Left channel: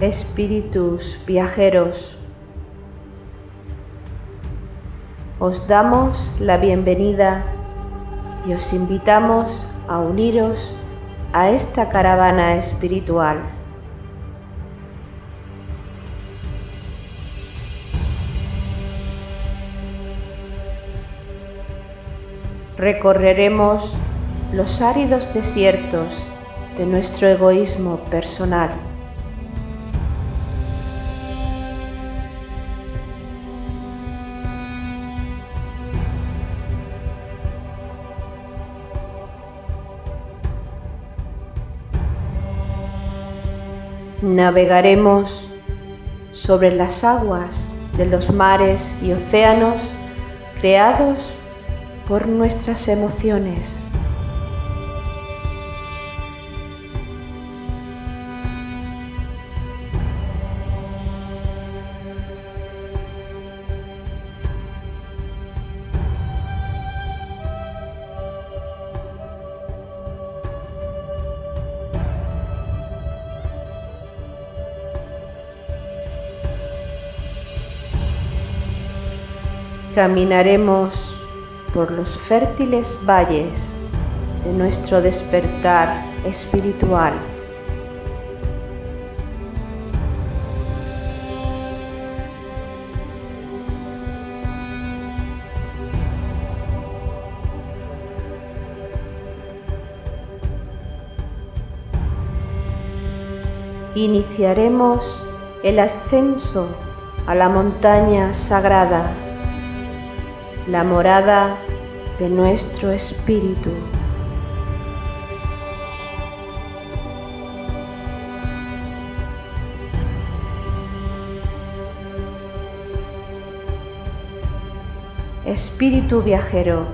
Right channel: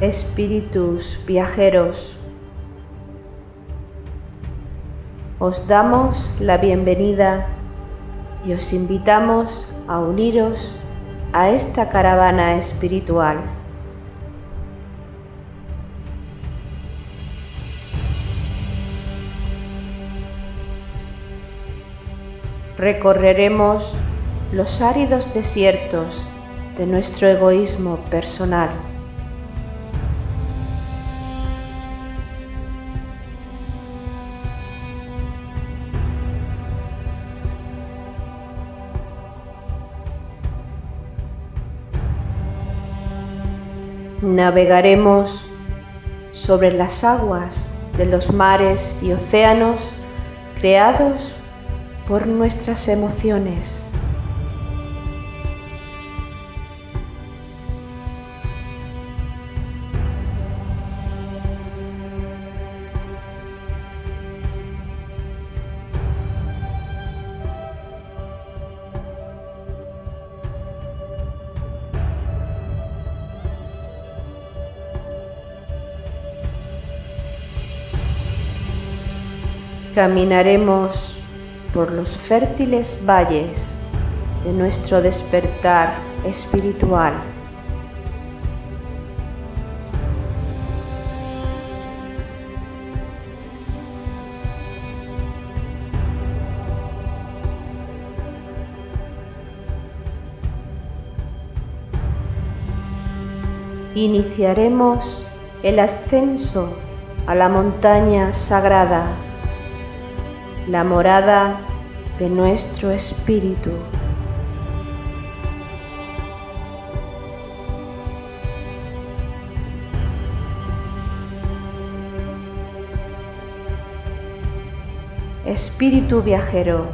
Espíritus viajeros, os damos la bienvenida y os invitamos a uniros a esta caravana espiritual. Recorreremos los áridos desiertos de nuestro egoísmo personal. Navegaremos sobre las aguas de los mares y océanos creados por nuestras emociones. Caminaremos por los fértiles valles de nuestro despertar espiritual. Iniciaremos el ascenso a la montaña sagrada, la morada de nuestro espíritu. Espíritu viajero,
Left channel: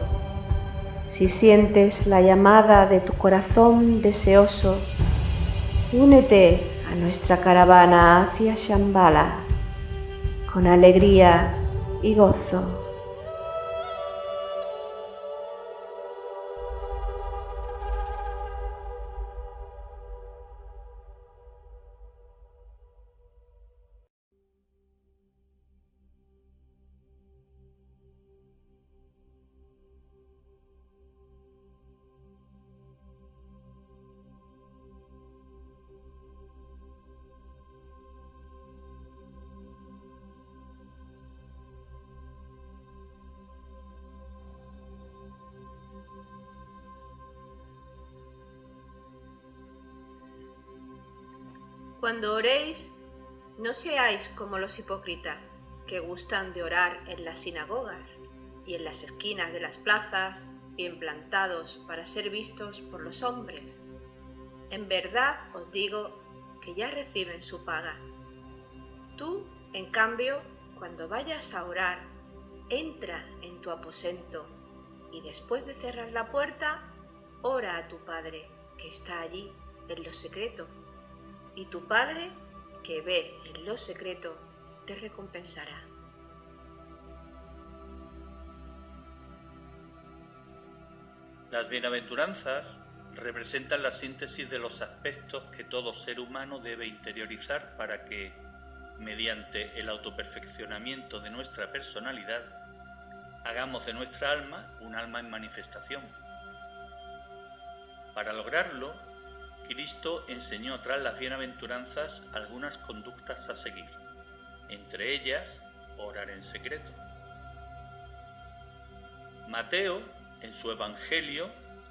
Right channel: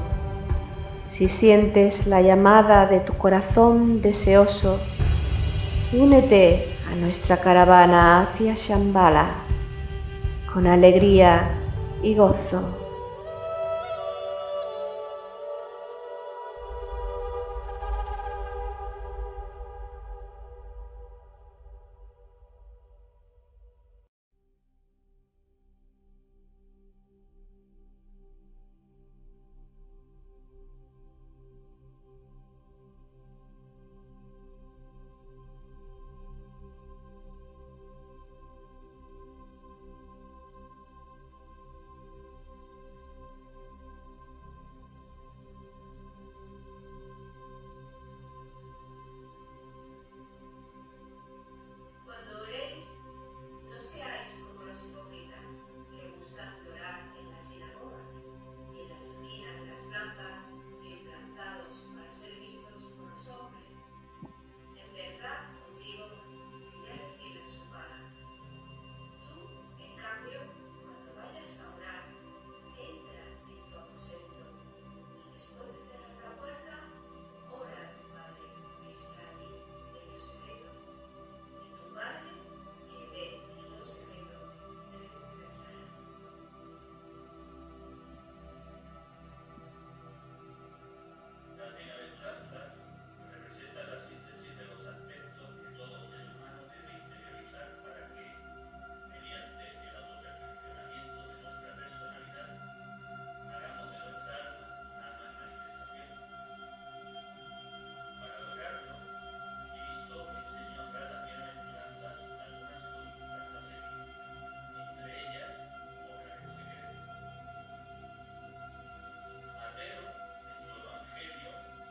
si sientes la llamada de tu corazón deseoso, únete a nuestra caravana hacia Shambhala con alegría y gozo. Cuando oréis, no seáis como los hipócritas, que gustan de orar en las sinagogas y en las esquinas de las plazas, bien plantados para ser vistos por los hombres. En verdad os digo que ya reciben su paga. Tú, en cambio, cuando vayas a orar, entra en tu aposento y después de cerrar la puerta, ora a tu Padre, que está allí, en lo secreto. Y tu Padre, que ve en lo secreto, te recompensará. Las bienaventuranzas representan la síntesis de los aspectos que todo ser humano debe interiorizar para que, mediante el autoperfeccionamiento de nuestra personalidad, hagamos de nuestra alma un alma en manifestación. Para lograrlo, Cristo enseñó tras las bienaventuranzas algunas conductas a seguir, entre ellas, orar en secreto. Mateo, en su Evangelio,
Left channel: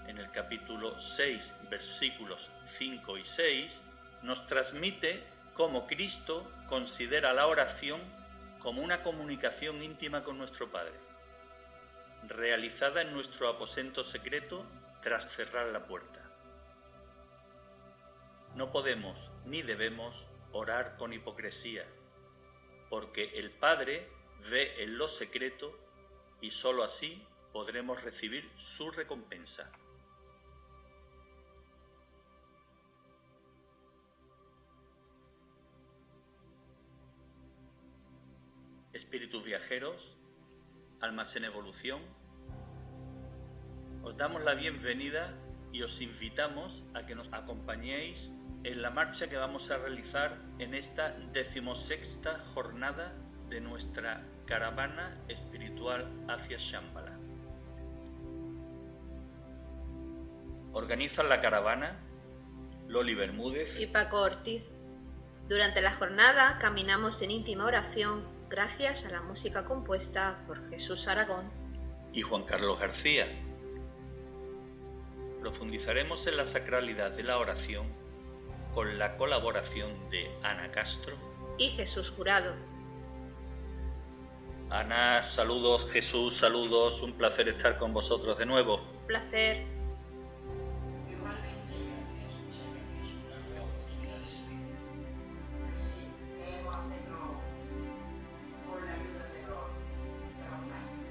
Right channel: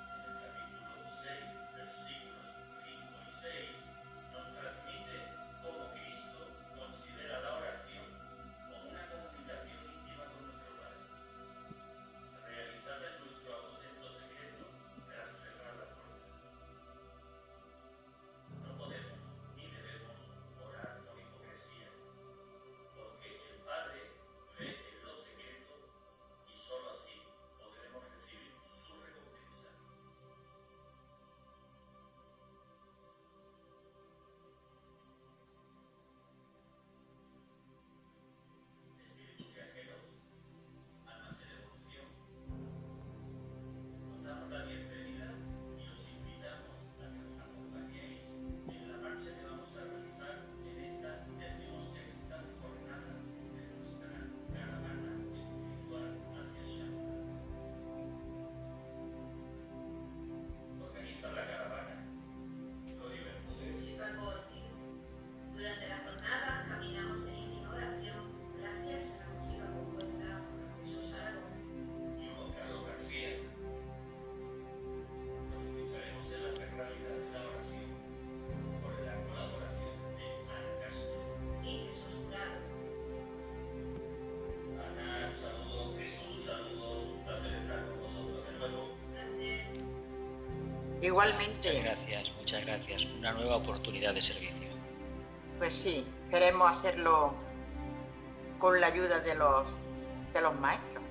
en el capítulo 6, versículos 5 y 6, nos transmite cómo Cristo considera la oración como una comunicación íntima con nuestro Padre, realizada en nuestro aposento secreto tras cerrar la puerta. No podemos ni debemos orar con hipocresía, porque el Padre ve en lo secreto y sólo así podremos recibir su recompensa. Espíritus viajeros, almas en evolución, os damos la bienvenida y os invitamos a que nos acompañéis en la marcha que vamos a realizar en esta 16ª jornada de nuestra caravana espiritual hacia Shambhala. Organizan la caravana Loli Bermúdez y Paco Ortiz. Durante la jornada caminamos en íntima oración gracias a la música compuesta por Jesús Aragón y Juan Carlos García. Profundizaremos en la sacralidad de la oración con la colaboración de Ana Castro y Jesús Jurado. Ana, saludos. Jesús, saludos. Un placer estar con vosotros de nuevo. Un placer. Igualmente. Muchas gracias. Una nueva oportunidad de servicio. Pues sí, queremos hacerlo con la ayuda de los maestros.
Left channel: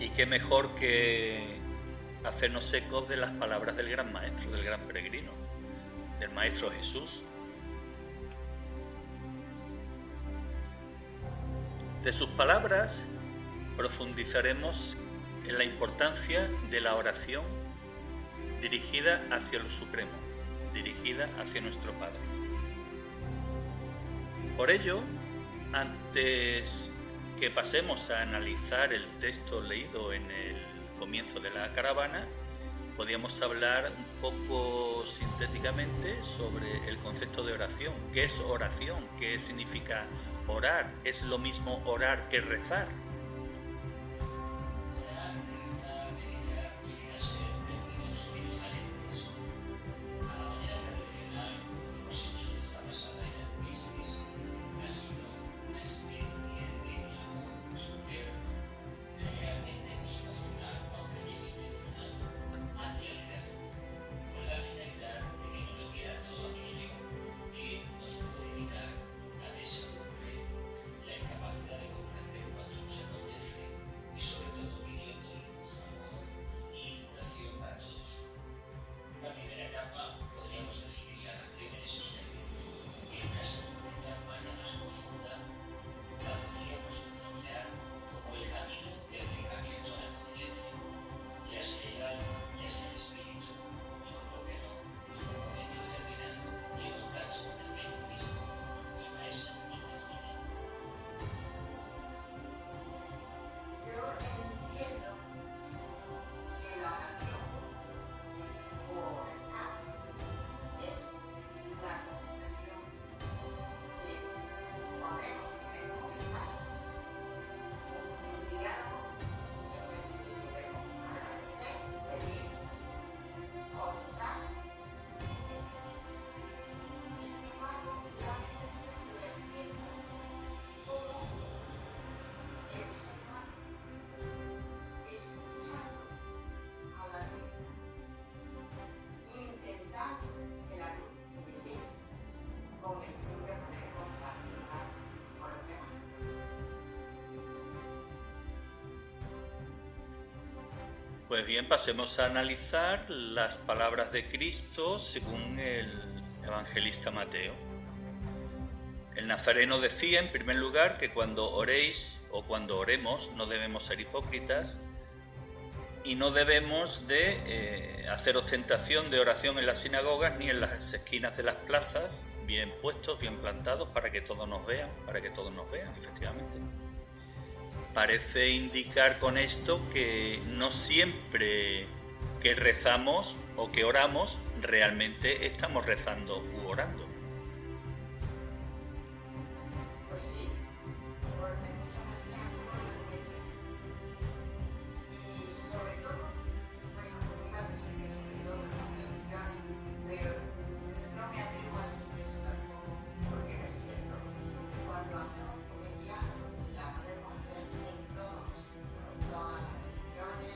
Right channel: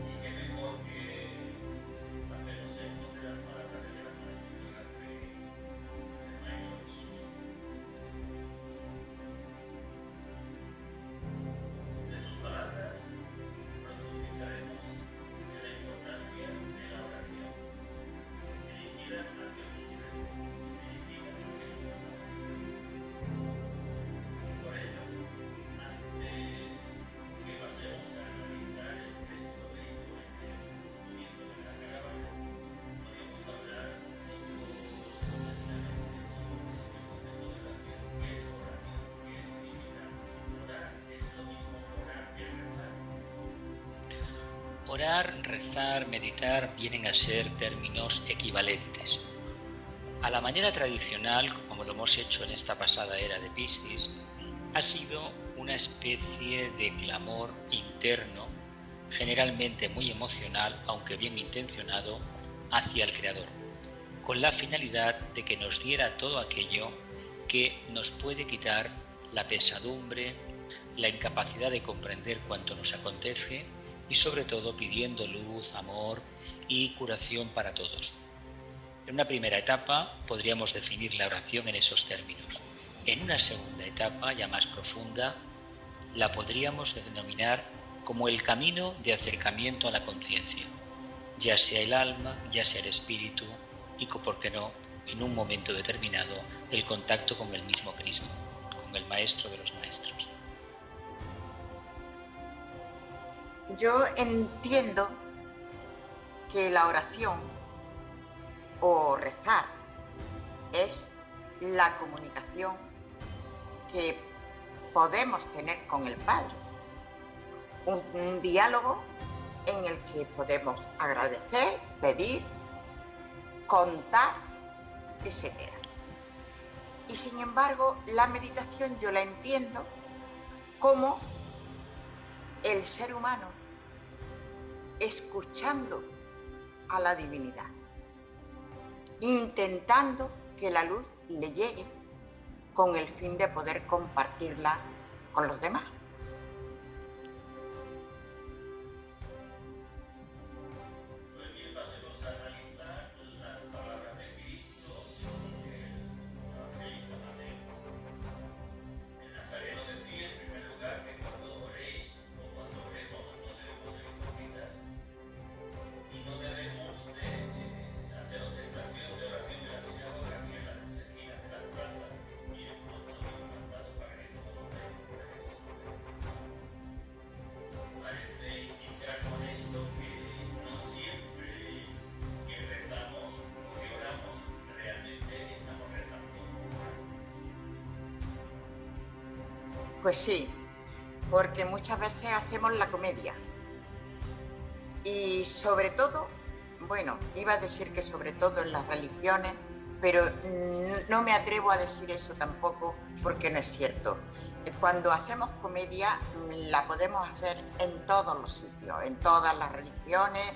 Y qué mejor que hacernos ecos de las palabras del gran maestro, del gran peregrino, del maestro Jesús. De sus palabras profundizaremos en la importancia de la oración dirigida hacia lo supremo, dirigida hacia nuestro Padre. Por ello, antes que pasemos a analizar el texto leído en el comienzo de la caravana, podríamos hablar un poco sintéticamente sobre el concepto de oración. ¿Qué es oración? ¿Qué significa orar? ¿Es lo mismo orar que rezar? Orar, rezar, meditar vienen a ser términos equivalentes. A la manera tradicional, como lo hemos hecho en esta pasada era de Piscis, ha sido una especie de clamor interno, generalmente muy emocional, aunque bien intencionado, hacia el Creador, con la finalidad de que nos diera todo aquello que nos puede quitar la pesadumbre, la incapacidad de comprender cuanto nos acontece y sobre todo pidiendo luz, amor y curación para todos. En una primera etapa podríamos definir la oración en esos términos. En una segunda etapa, ya más profunda, la podríamos denominar como el camino de acercamiento a la conciencia, ya sea el alma, ya sea el espíritu y, por qué no, en un momento determinado, el contacto con el mismo Cristo, con el Maestro de los Maestros. Yo entiendo que la oración o rezar es la comunicación que podemos tener con el Padre, un diálogo en el que podemos agradecer, pedir, contar, etc. Y sin embargo, la meditación yo la entiendo como el ser humano escuchando a la divinidad, intentando que la luz le llegue con el fin de poder compartirla con los demás. Pues bien, pasemos a analizar las palabras de Cristo según el evangelista Mateo. El nazareno decía, en primer lugar, que cuando oréis o cuando oremos no debemos ser hipócritas y no debemos de hacer ostentación de oración en las sinagogas ni en las esquinas de las plazas, bien puestos, bien plantados, para que todos nos vean, efectivamente. Parece indicar con esto que no siempre que rezamos o que oramos realmente estamos rezando u orando. Pues sí, porque muchas veces hacemos la comedia. Y sobre todo, bueno, iba a decir que sobre todo en las religiones, pero no me atrevo a decir eso tampoco porque no es cierto. Cuando hacemos comedia la podemos hacer en todos los sitios, en todas las religiones,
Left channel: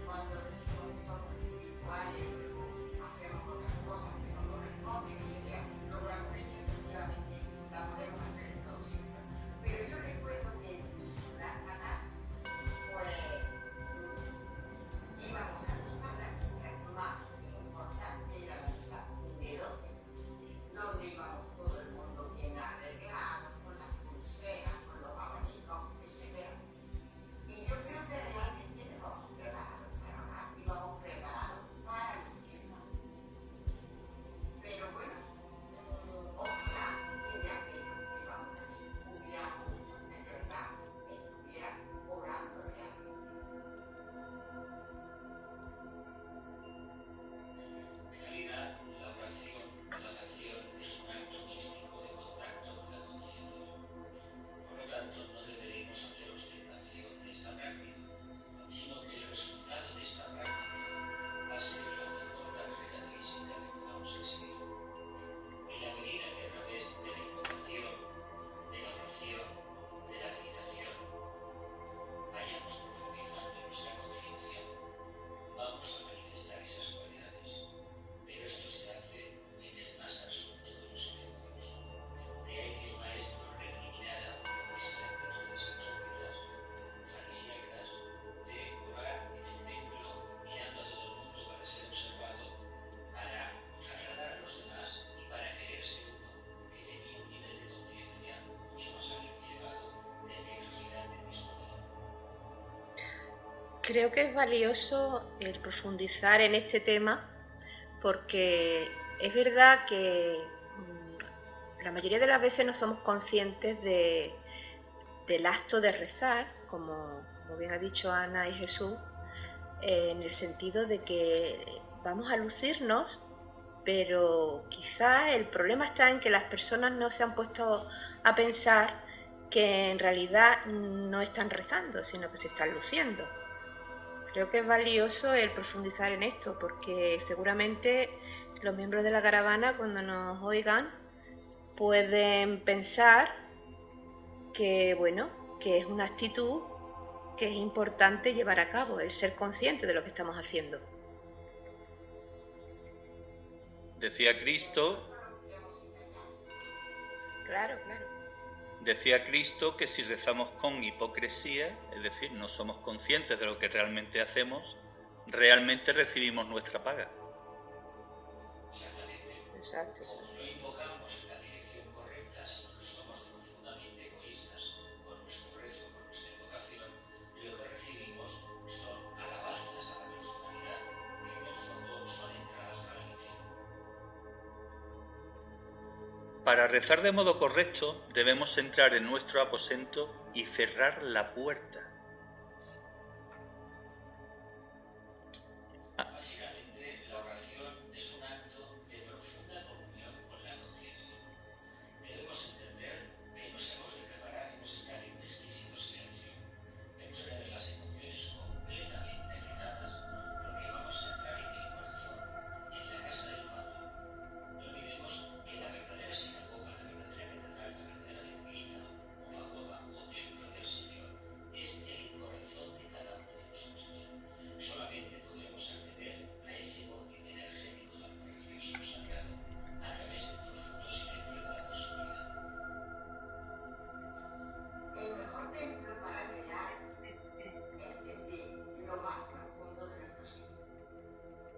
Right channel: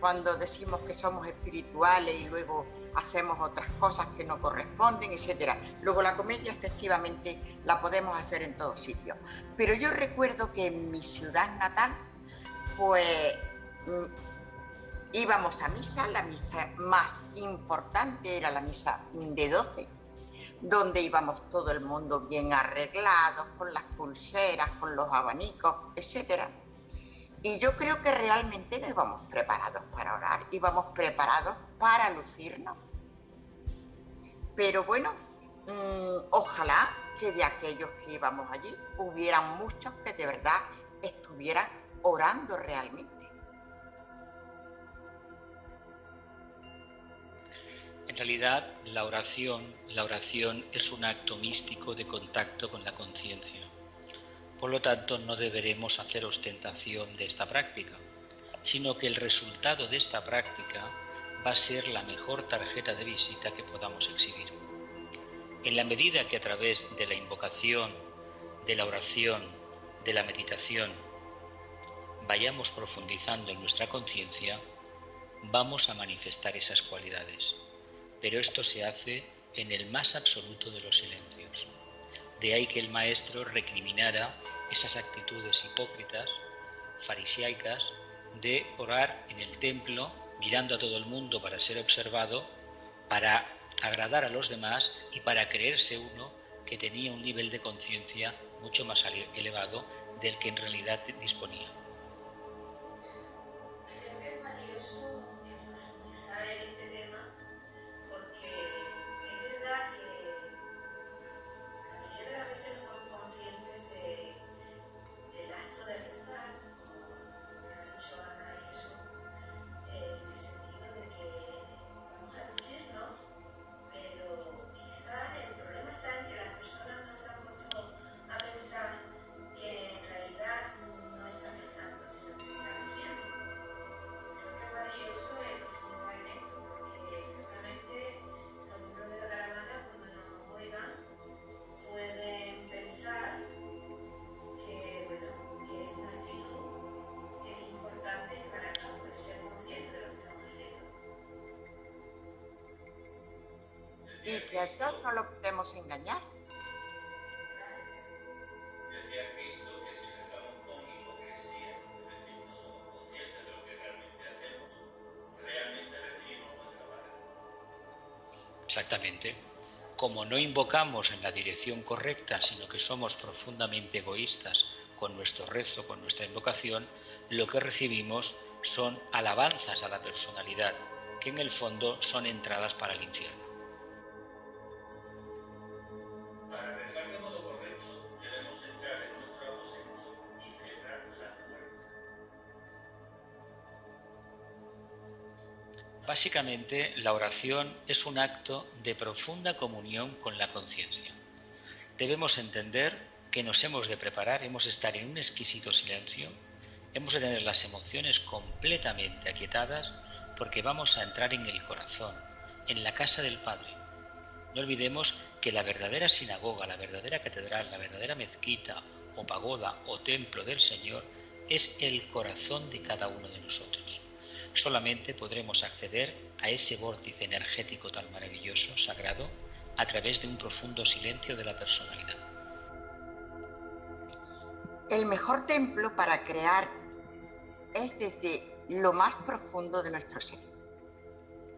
cuando decimos que somos espirituales y luego hacemos otras cosas que no corresponden, etc. Luego la comedia efectivamente la podemos hacer en todos sitios. Pero yo recuerdo que en mi ciudad natal, pues íbamos a misa, la misa más importante era la misa de 12, donde íbamos todo el mundo bien arreglados, con las pulseras, con los abanicos, etc. Y yo creo que realmente nos íbamos preparados para orar íbamos preparados para lucirnos. Pero bueno, ojalá que de aquellos que íbamos allí hubieran muchos que de verdad estuvieran orando realmente. En realidad, la oración es un acto místico de contacto con la conciencia. Por lo tanto, no deberemos hacer ostentación de esta práctica, sino que el resultado de esta práctica va a ser la mejor tarjeta de visita que podamos exhibir. En la medida que a través de la invocación, de la oración, de la meditación, vayamos profundizando en nuestra conciencia, vamos a manifestar esas cualidades. Pero esto se hace en el más absoluto de los silencios. De ahí que el maestro recriminara esas actitudes hipócritas, fariseicas, de orar en el templo mirando a todo el mundo para ser observado, para agradar a los demás y para creerse uno que tenía un nivel de conciencia mucho más elevado del que en realidad disponía. Creo que es valioso el profundizar en este tema, porque es verdad que la mayoría de las veces no somos conscientes del acto de rezar, como bien ha dicho Ana y Jesús, en el sentido de que vamos a lucirnos, pero quizá el problema está en que las personas no se han puesto a pensar que en realidad no están rezando, sino que se están luciendo. Creo que es valioso el profundizar en esto, porque seguramente los miembros de la caravana, cuando nos oigan, pueden pensar que, bueno, que es una actitud que es importante llevar a cabo, el ser consciente de lo que estamos haciendo. Decía Cristo... No lo podemos engañar. Claro. Decía Cristo que si rezamos con hipocresía, es decir, no somos conscientes de lo que realmente hacemos, realmente recibimos nuestra paga. Exactamente. Exacto. Como no invocamos en la dirección correcta, sino que somos profundamente egoístas con nuestro rezo, con nuestra invocación, lo que recibimos son alabanzas a la personalidad, que en el fondo son entradas para el infierno. Para rezar de modo correcto, debemos entrar en nuestro aposento y cerrar la puerta. Básicamente, la oración es un acto de profunda comunión con la conciencia. Debemos entender que nos hemos de preparar, hemos de estar en un exquisito silencio, hemos de tener las emociones completamente aquietadas, porque vamos a entrar en el corazón, en la casa del Padre. No olvidemos que la verdadera sinagoga, la verdadera catedral, la verdadera mezquita o pagoda o templo del Señor es el corazón de cada uno de nosotros. Solamente podremos acceder a ese vórtice energético tan maravilloso, sagrado, a través de un profundo silencio de la personalidad. El mejor templo para crear es desde lo más profundo de nuestro ser.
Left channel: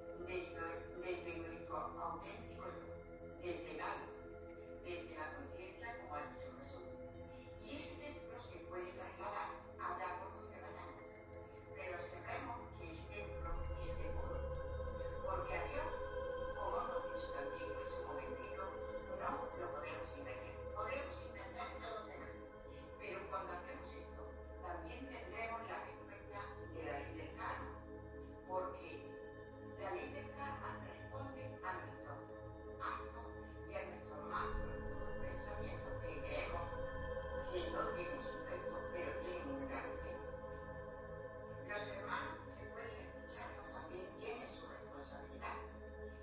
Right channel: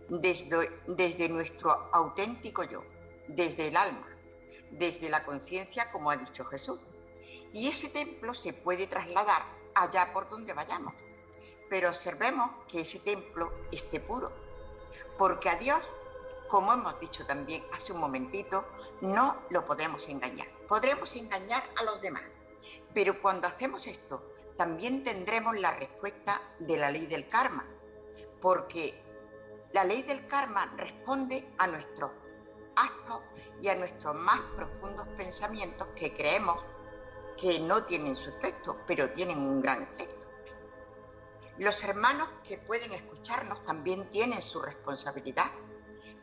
Desde nuestro auténtico yo, desde el alma, desde la conciencia, como ha dicho Jesús. Y ese templo se puede trasladar allá por donde vayamos, pero observemos que ese templo esté puro, porque a Dios, como hemos dicho también hace un momentito, no lo podemos engañar. Podremos engañar a los demás, pero cuando hacemos esto, también tendremos la respuesta de la ley del karma, porque la ley del karma responde a nuestros actos y a nuestros más profundos pensamientos que creemos que no tienen su efecto, pero tienen un gran efecto. Los hermanos que pueden escucharnos también tienen su responsabilidad,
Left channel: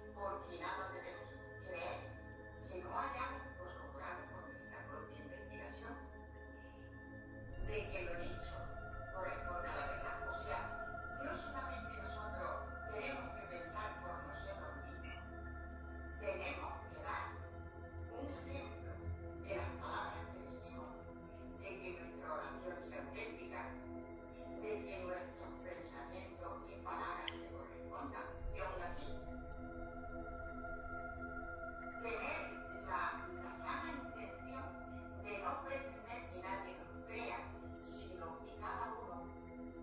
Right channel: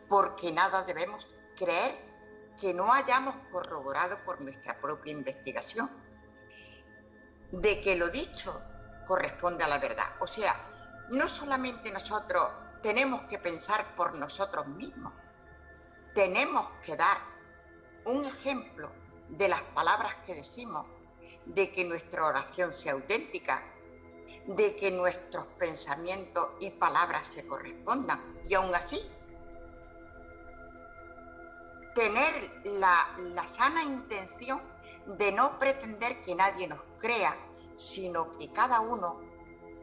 porque nada debemos creer que no hayamos corroborado por nuestra propia investigación, de que lo dicho corresponde a la verdad. O sea, no solamente nosotros tenemos que pensar por nosotros mismos, tenemos que dar un ejemplo de las palabras que decimos, de que nuestra oración sea auténtica, de que nuestros pensamientos y palabras se correspondan, y aún así tener la sana intención de no pretender que nadie nos crea, sino que cada uno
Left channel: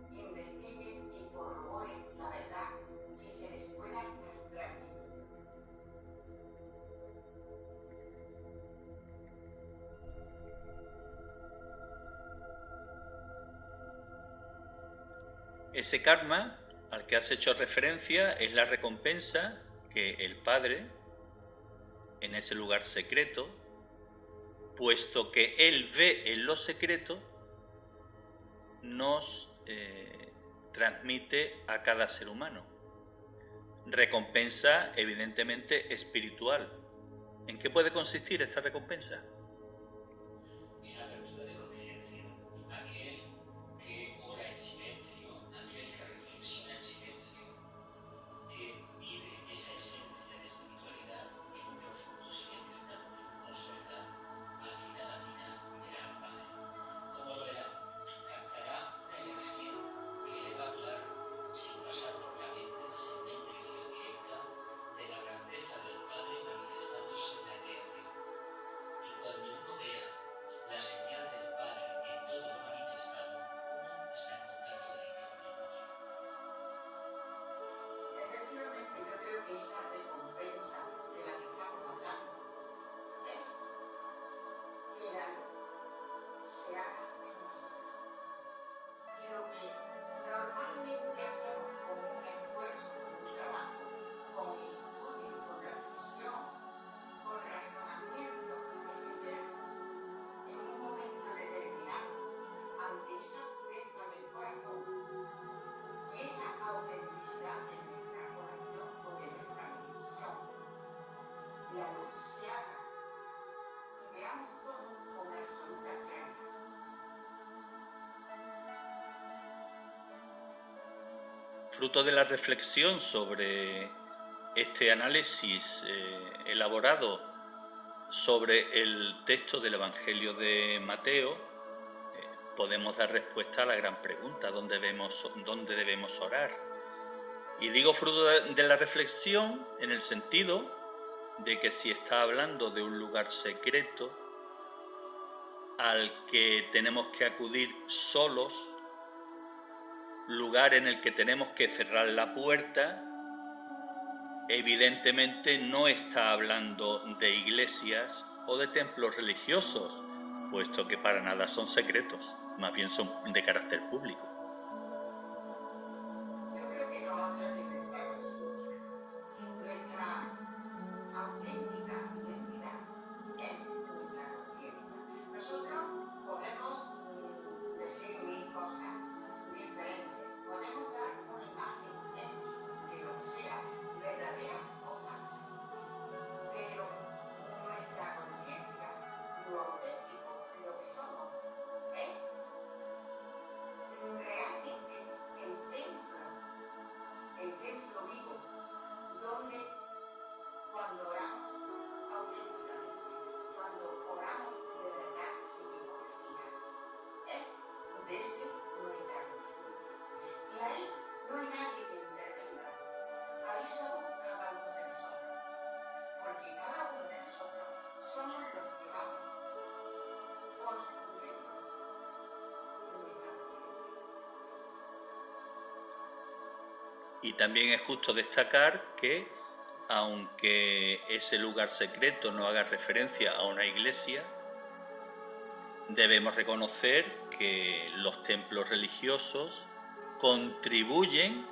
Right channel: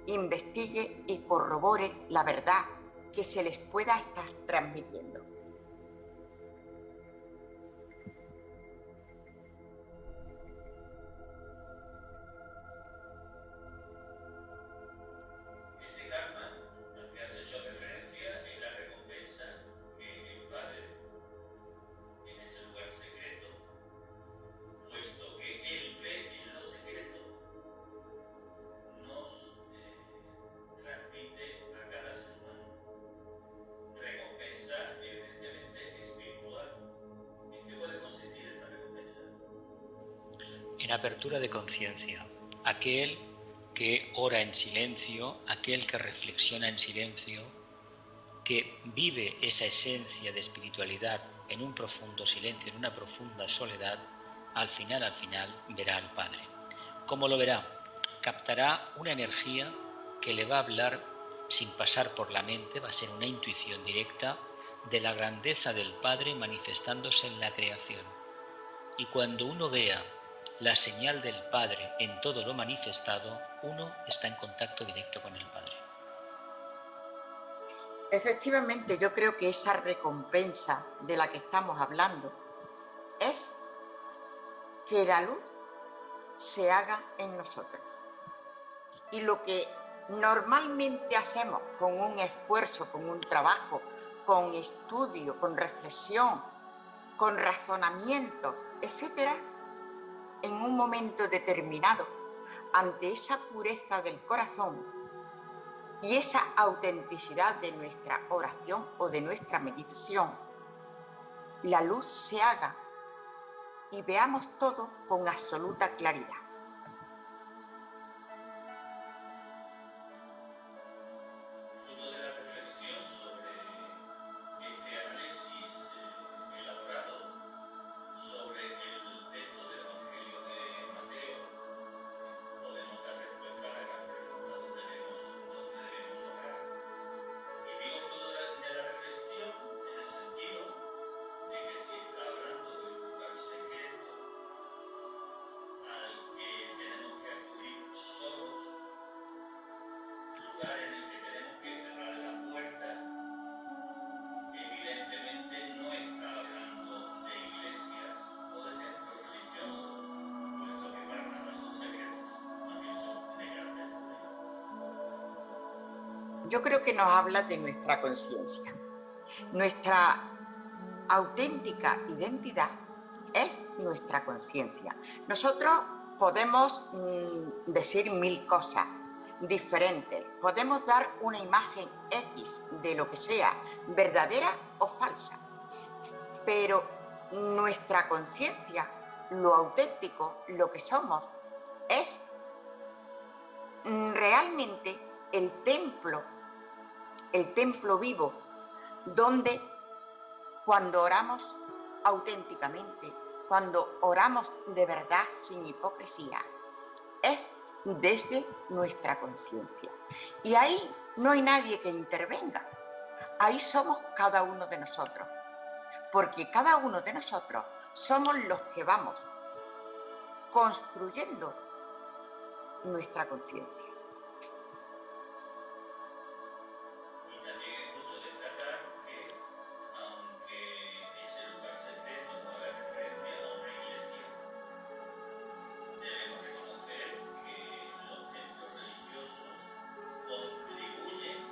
investigue y corrobore la verdad que se les pueda estar transmitiendo. Ese karma al que has hecho referencia es la recompensa que el Padre, en ese lugar secreto, puesto que Él ve en lo secreto, nos transmite a cada ser humano. Recompensa evidentemente espiritual. ¿En qué puede consistir esta recompensa? En apertura de conciencia. Aquel que ora en silencio, aquel que reflexiona en silencio, que vive esa esencia de espiritualidad en un profundo silencio, en una profunda soledad, al final verá al Padre. ¿Cómo lo verá? Captará una energía que le va a hablar sin pasar por la mente, va a ser una intuición directa de la grandeza del Padre manifestándose en la creación. Y cuando uno vea la señal del Padre en todo lo manifestado, uno está en contacto directo con el Padre. Efectivamente, yo creo que esa recompensa de la que estamos hablando es que la luz se haga en nosotros. Y lo que normalmente hacemos con un esfuerzo, con un trabajo, con estudio, con reflexión, con razonamientos, etcétera, en un momento determinado, ante esa pureza del corazón y esa autenticidad de nuestra oración o de nuestra meditación, la luz se haga y veamos todo con absoluta claridad. Fruto de la reflexión sobre este análisis elaborado sobre el texto del Evangelio de Mateo, podemos dar respuesta a la gran pregunta: ¿dónde debemos orar? Y digo fruto de la reflexión en el sentido de que si está hablando de un lugar secreto al que tenemos que acudir solos, lugar en el que tenemos que cerrar la puerta, evidentemente no está hablando de iglesias o de templos religiosos, puesto que para nada son secretos, más bien son de carácter público. Yo creo que nos habla de nuestra conciencia. Nuestra auténtica identidad es nuestra conciencia. Nosotros podemos decir mil cosas diferentes, podemos dar una imagen X de lo que sea, verdadera o falsa, pero nuestra conciencia, lo auténtico, lo que somos, es realmente el templo vivo, donde cuando oramos auténticamente, cuando oramos de verdad sin hipocresía, es desde nuestra conciencia. Y ahí no hay nadie que intervenga. Ahí somos cada uno de nosotros, porque cada uno de nosotros somos los que vamos construyendo nuestra conciencia. Y también es justo destacar que, aunque ese lugar secreto no haga referencia a una iglesia, debemos reconocer que los templos religiosos contribuyen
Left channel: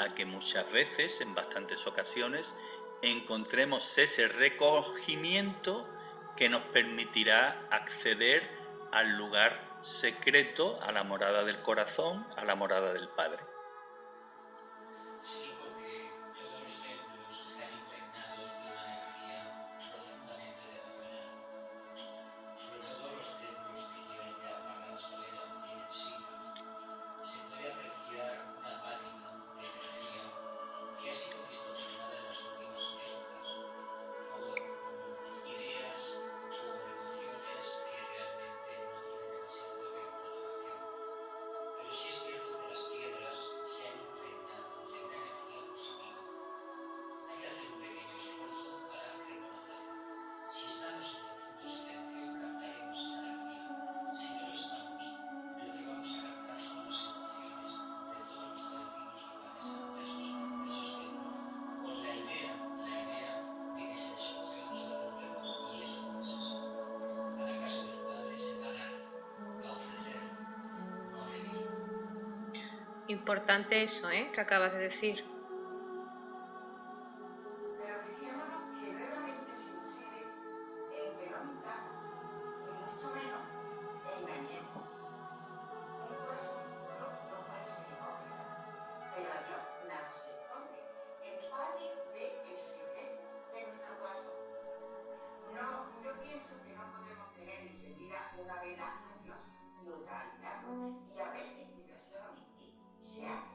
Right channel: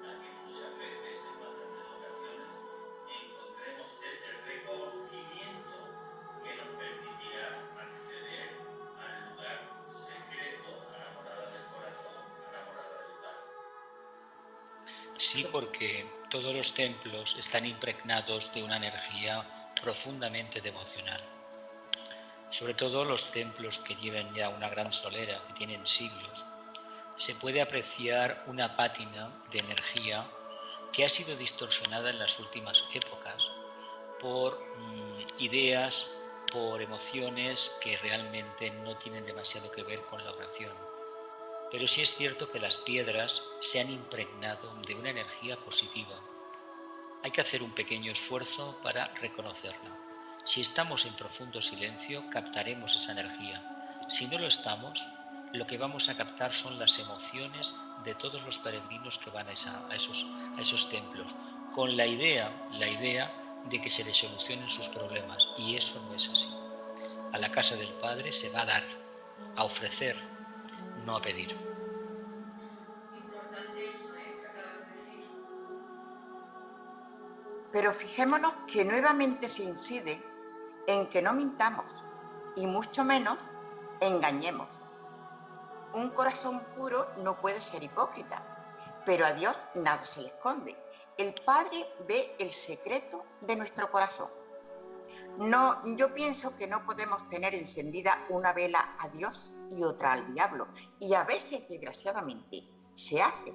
a que muchas veces, en bastantes ocasiones, encontremos ese recogimiento que nos permitirá acceder al lugar secreto, a la morada del corazón, a la morada del Padre. Sí, porque todos los templos están impregnados de una energía profundamente devocional. Sobre todo los templos que llevan ya una gran solera, que tienen siglos, se puede apreciar una pátina de energía que ha sido distorsionada en las últimas épocas por ideas, por emociones que realmente no tienen demasiado que ver con la oración. Pero sí es cierto que las piedras se han impregnado de una energía positiva. Hay que hacer un pequeño esfuerzo para reconocerla. Si estamos en profundo silencio, captaremos esa energía. Si no lo estamos, lo que vamos a captar son las emociones de todos los peregrinos que van a esos templos. con la idea de que se le solucionen sus problemas, y eso no es así. A la casa del Padre se va a dar, a ofrecer, no a pedir. Importante eso, que acabas de decir. Pero fijémonos que nuevamente se incide en que no mintamos y mucho menos engañemos. Un corazón puro no puede ser hipócrita, pero a Dios nada se le esconde. El Padre ve el secreto de nuestro corazón. No, yo pienso que no podemos tener encendida una vela a Dios y otra al diablo, y a veces, desgraciadamente, se hace.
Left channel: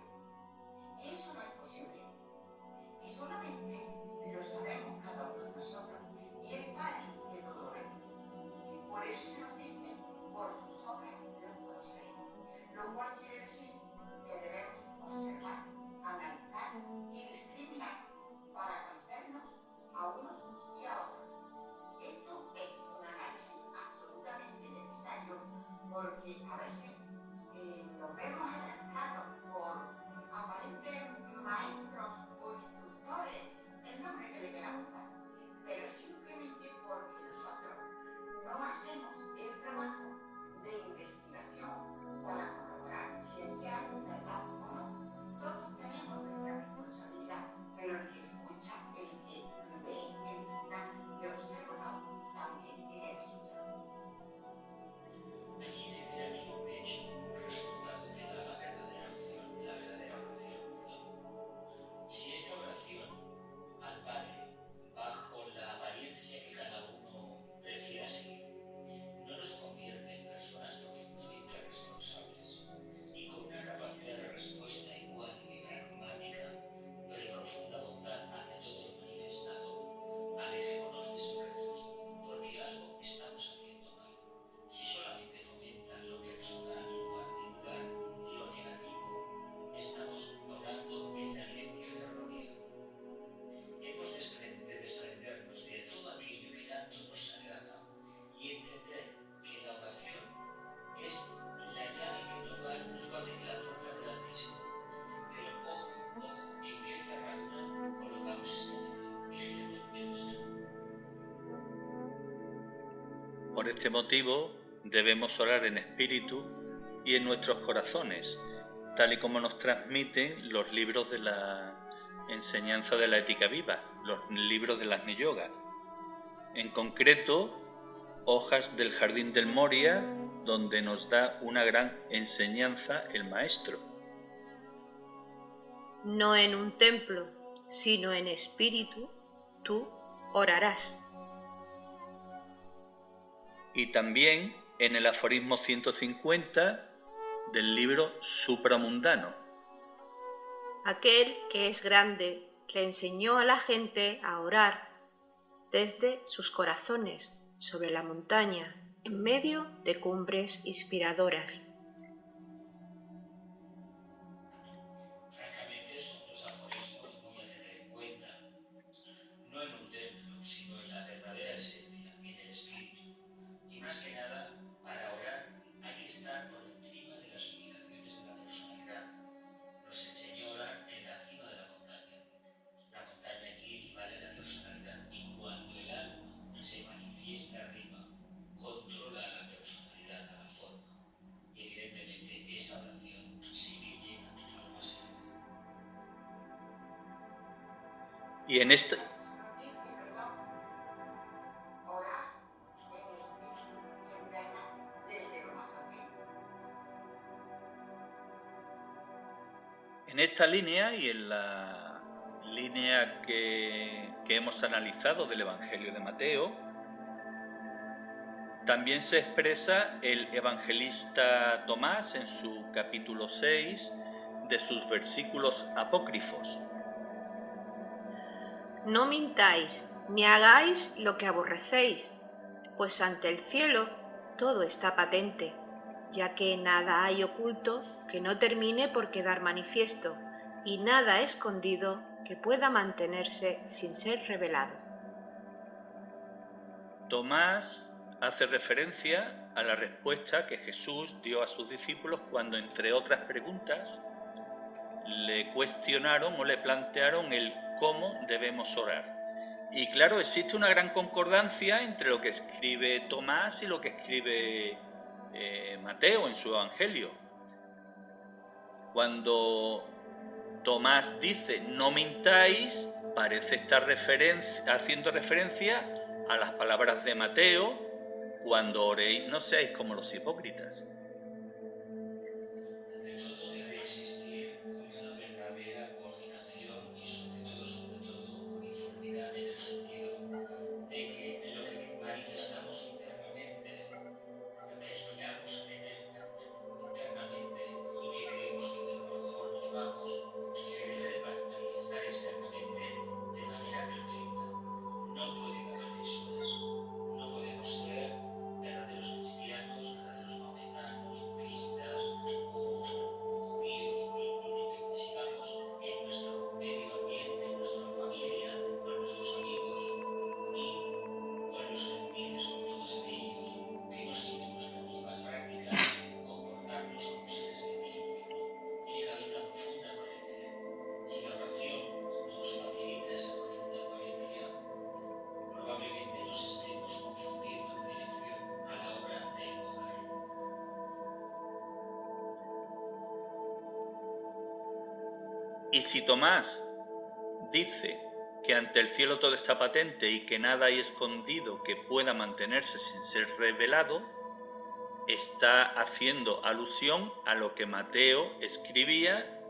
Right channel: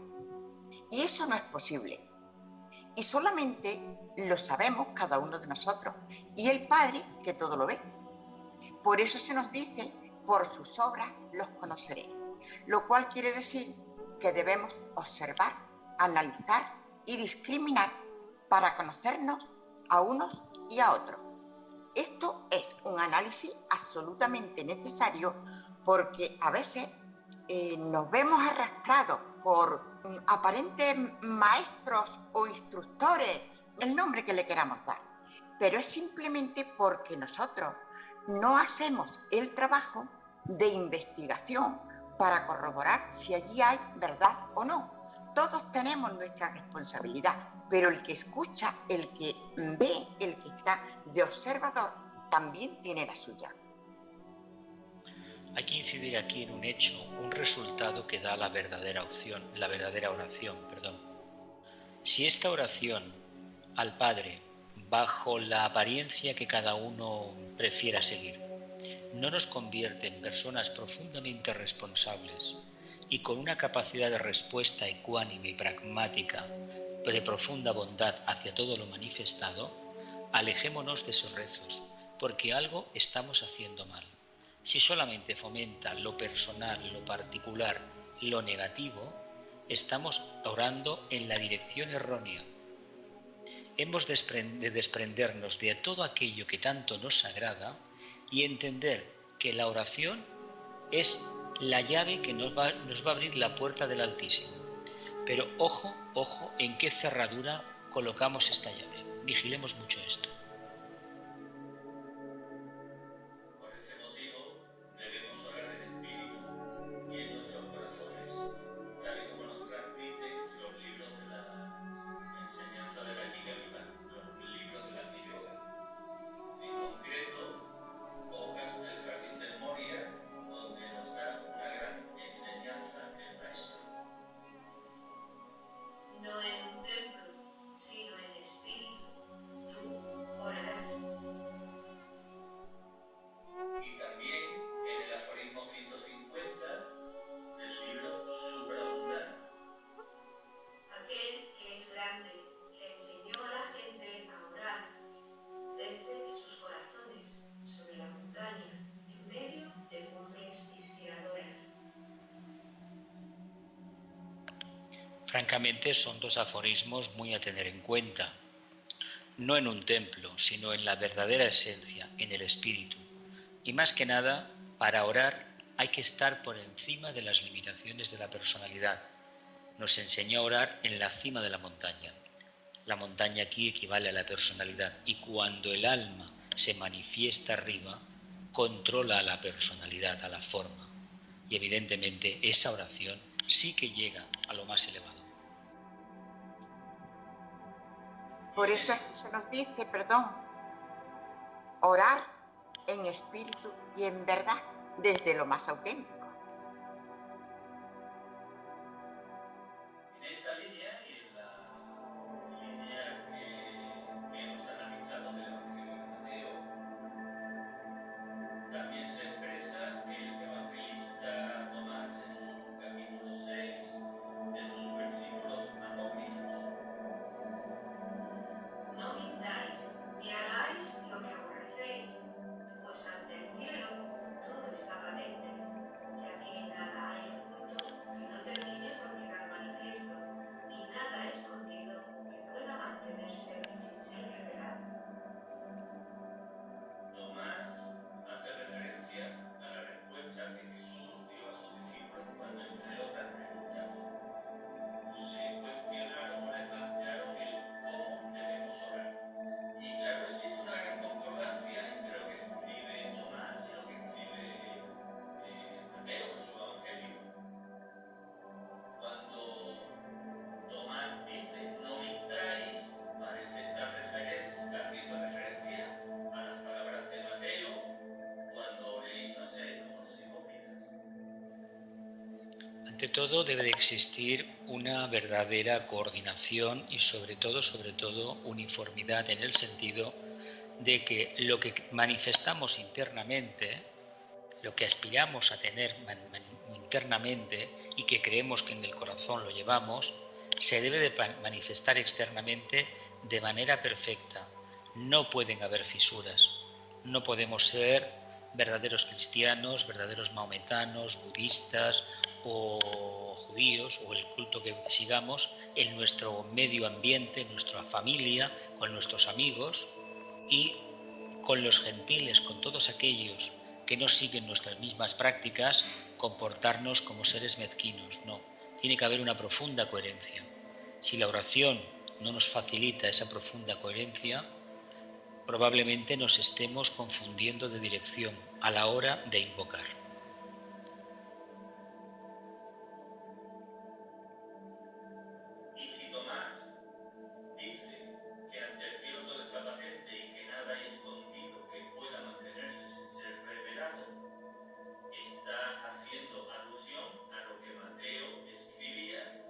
Y eso no es posible. Y solamente lo sabemos cada uno de nosotros, y el Padre que todo lo ve. Por eso se nos dice, por sus obras los conoceré, lo cual quiere decir que debemos observar, analizar y discriminar para conocernos a unos y a otros. Esto es un análisis absolutamente necesario porque a veces nos vemos arrastrados por aparentes maestros o instructores, el nombre que le queramos dar, pero es simplemente porque nosotros no hacemos el trabajo de investigación para corroborar si allí hay verdad o no. Todos tenemos nuestra responsabilidad, pero el que escucha, el que ve, el que está de observador, también tiene la suya. Hay que incidir aquí en un hecho, un resultado que da la verdadera oración. Si esta oración al Padre, bajo la apariencia que cada uno prefiera seguir, no nos convierte en personas profundamente responsables y con una capacidad de respuesta ecuánime y pragmática, de profunda bondad hacia todo lo manifestado, alejémonos de esos rezos, porque algo estamos haciendo mal. Si solamente fomenta lo personal, lo particular, lo negativo, estamos orando en la dirección errónea. Hemos de desprendernos de todo aquello que tanto nos agrada y entender que la oración es la llave que nos va a abrir la puerta del Altísimo. Pero ojo en qué cerradura colocamos esta llave. Vigilemos mucho esto. Por este motivo debemos orar en espíritu y en nuestros corazones, tal y como nos transmiten los libros de la enseñanza de la ética viva, los libros de las Agni Yoga. En concreto, Hojas del Jardín del Moria, donde nos da una gran enseñanza el Maestro. No en un templo, sino en espíritu, tú orarás. Y también en el aforismo 150 del libro Supramundano. Aquel que es grande le enseñó a la gente a orar desde sus corazones sobre la montaña, en medio de cumbres inspiradoras. Francamente, son dos aforismos muy a tener en cuenta. No en un templo, sino en la verdadera esencia, en el espíritu. Y más que nada, para orar hay que estar por encima de las limitaciones de la personalidad. Nos enseñó a orar en la cima de la montaña. La montaña aquí equivale a la personalidad y cuando el alma se manifiesta arriba, controla a la personalidad, a la forma. Y evidentemente esa oración sí que llega a lo más elevado. Y por eso se nos dice, orar en espíritu y en verdad, desde lo más auténtico. En esta línea y en la línea que hemos analizado del Evangelio de Mateo, también se expresa el evangelista Tomás en su capítulo 6 de sus versículos apócrifos. No mintáis, ni hagáis lo que aborrecéis, pues ante el cielo todo está patente, ya que nada hay oculto que no termine por quedar manifiesto, y nada escondido que pueda mantenerse sin ser revelado. Tomás hace referencia a la respuesta que Jesús dio a sus discípulos cuando, entre otras preguntas, le cuestionaron o le plantearon el cómo debemos orar. Y claro, existe una gran concordancia entre lo que escribe Tomás y lo que escribe Mateo en su Evangelio. Cuando Tomás dice no mintáis, parece estar haciendo referencia a las palabras de Mateo: cuando oréis no seáis como los hipócritas. Ante todo debe de existir una verdadera coordinación y sobre todo uniformidad, en el sentido de que lo que manifestamos internamente, lo que aspiramos a tener internamente y que creemos que en el corazón lo llevamos, se debe de manifestar externamente de manera perfecta. No pueden haber fisuras, no podemos ser verdaderos cristianos, verdaderos maometanos, budistas o judíos o el culto que sigamos en nuestro medio ambiente, en nuestra familia, con nuestros amigos y con los gentiles, con todos aquellos que no siguen nuestras mismas prácticas, comportarnos como seres mezquinos. No, tiene que haber una profunda coherencia. Si la oración no nos facilita esa profunda coherencia, probablemente nos estemos confundiendo de dirección a la hora de invocar. Y si Tomás dice que ante el cielo todo está patente y que nada hay escondido que pueda mantenerse sin ser revelado, está haciendo alusión a lo que Mateo escribía:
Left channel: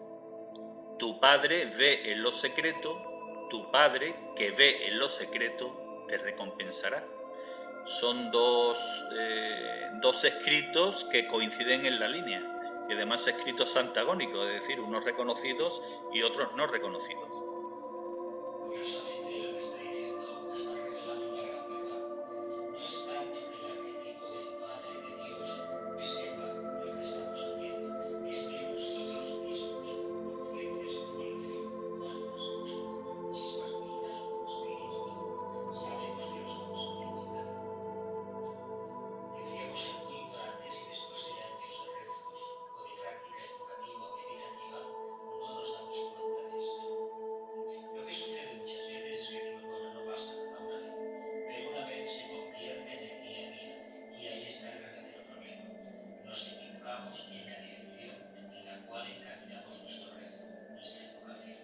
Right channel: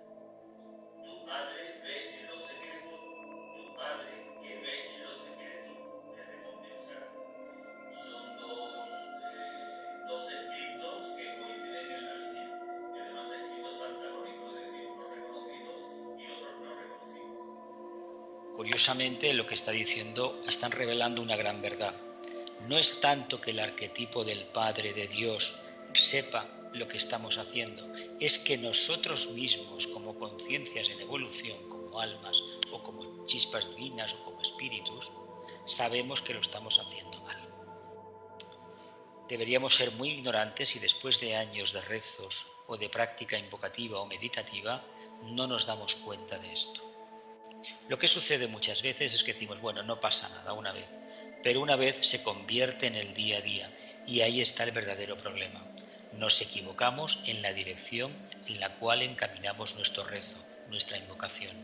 tu Padre ve en lo secreto, tu Padre que ve en lo secreto te recompensará. Son dos escritos que coinciden en la línea, y además escritos antagónicos, es decir, unos reconocidos y otros no reconocidos. Curiosamente, lo que está diciendo, están revelando una gran verdad. No es tanto que el arquetipo del Padre de Dios sepa lo que estamos haciendo, es que nosotros mismos, como conciencias en evolución, como almas o como chispas divinas o como espíritus, sabemos que lo estamos haciendo mal. Deberíamos ser muy ignorantes y después de años de rezos o de práctica invocativa o meditativa no nos damos cuenta de esto. Lo que sucede muchas veces es que decimos, bueno, no pasa nada una vez, pero una vez se convierte en el día a día y ahí está el verdadero problema. Nos equivocamos en la dirección en la cual encaminamos nuestro rezo, nuestra invocación.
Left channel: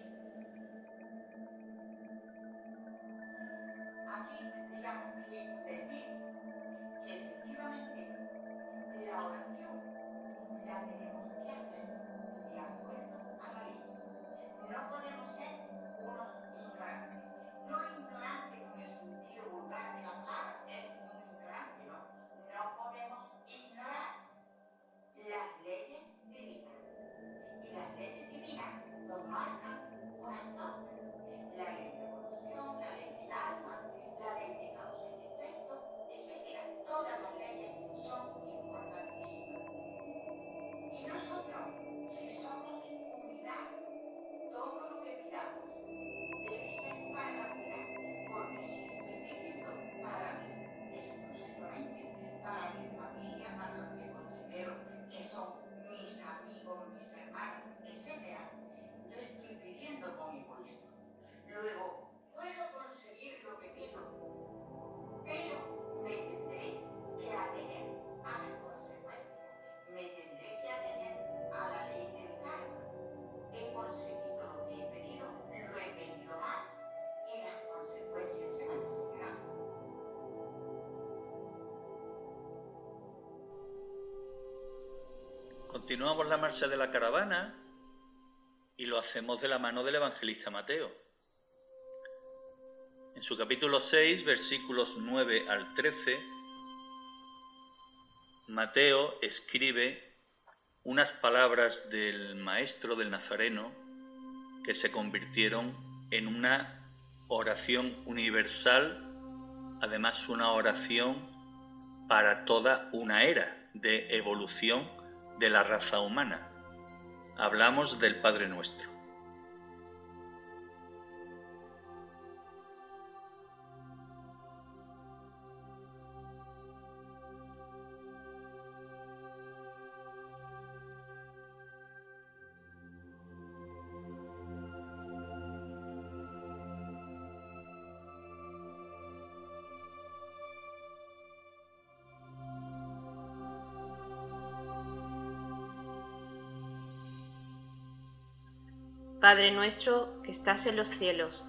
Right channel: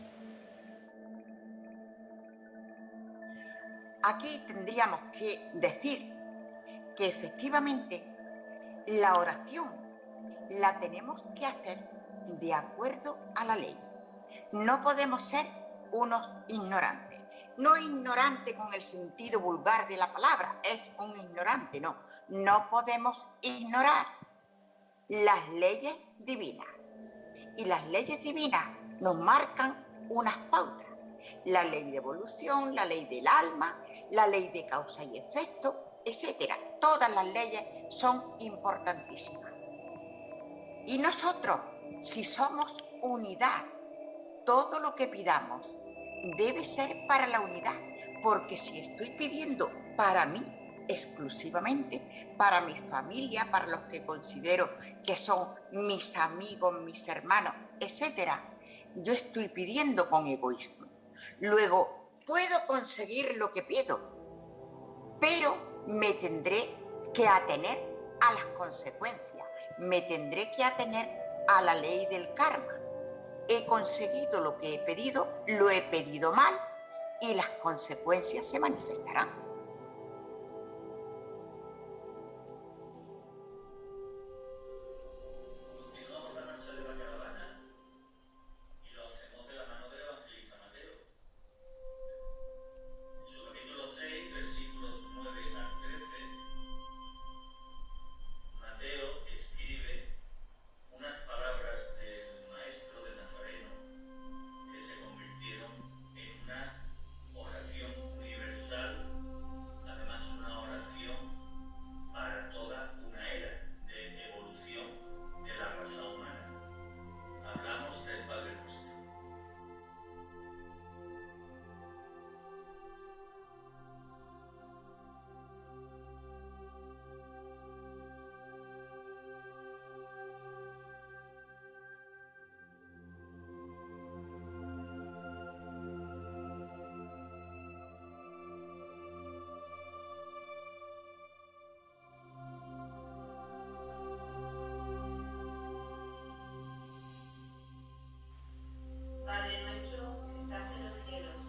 Aquí tendríamos que decir que efectivamente la oración la tenemos que hacer de acuerdo a la ley. No podemos ser unos ignorantes. No ignorante con el sentido vulgar de la palabra, es un ignorante, no. No podemos ignorar las leyes divinas. Y las leyes divinas nos marcan unas pautas. La ley de evolución, la ley del alma, la ley de causa y efecto, etc. Todas las leyes son importantísimas. Y nosotros, si somos unidad, todo lo que pidamos debe ser para la unidad, porque si estoy pidiendo para mí exclusivamente, para mi familia, para los que considero que son mis amigos, mis hermanos, etc., yo estoy pidiendo con egoísmo. Luego, puedo conseguir lo que pido, pero me tendré que atener a las consecuencias, me tendré que atener a la ley del karma. He conseguido lo que he pedido, lo he pedido mal y las consecuencias se manifestarán. Continuamos la marcha de la caravana y lo hacemos de la mano del evangelista Mateo. En su capítulo 6, versículos 9 al 13, Mateo escribe unas palabras del maestro del Nazareno que se convirtieron en una oración universal, además una oración para toda una era de evolución de la raza humana. Hablamos del Padre Nuestro. Padre nuestro que estás en los cielos,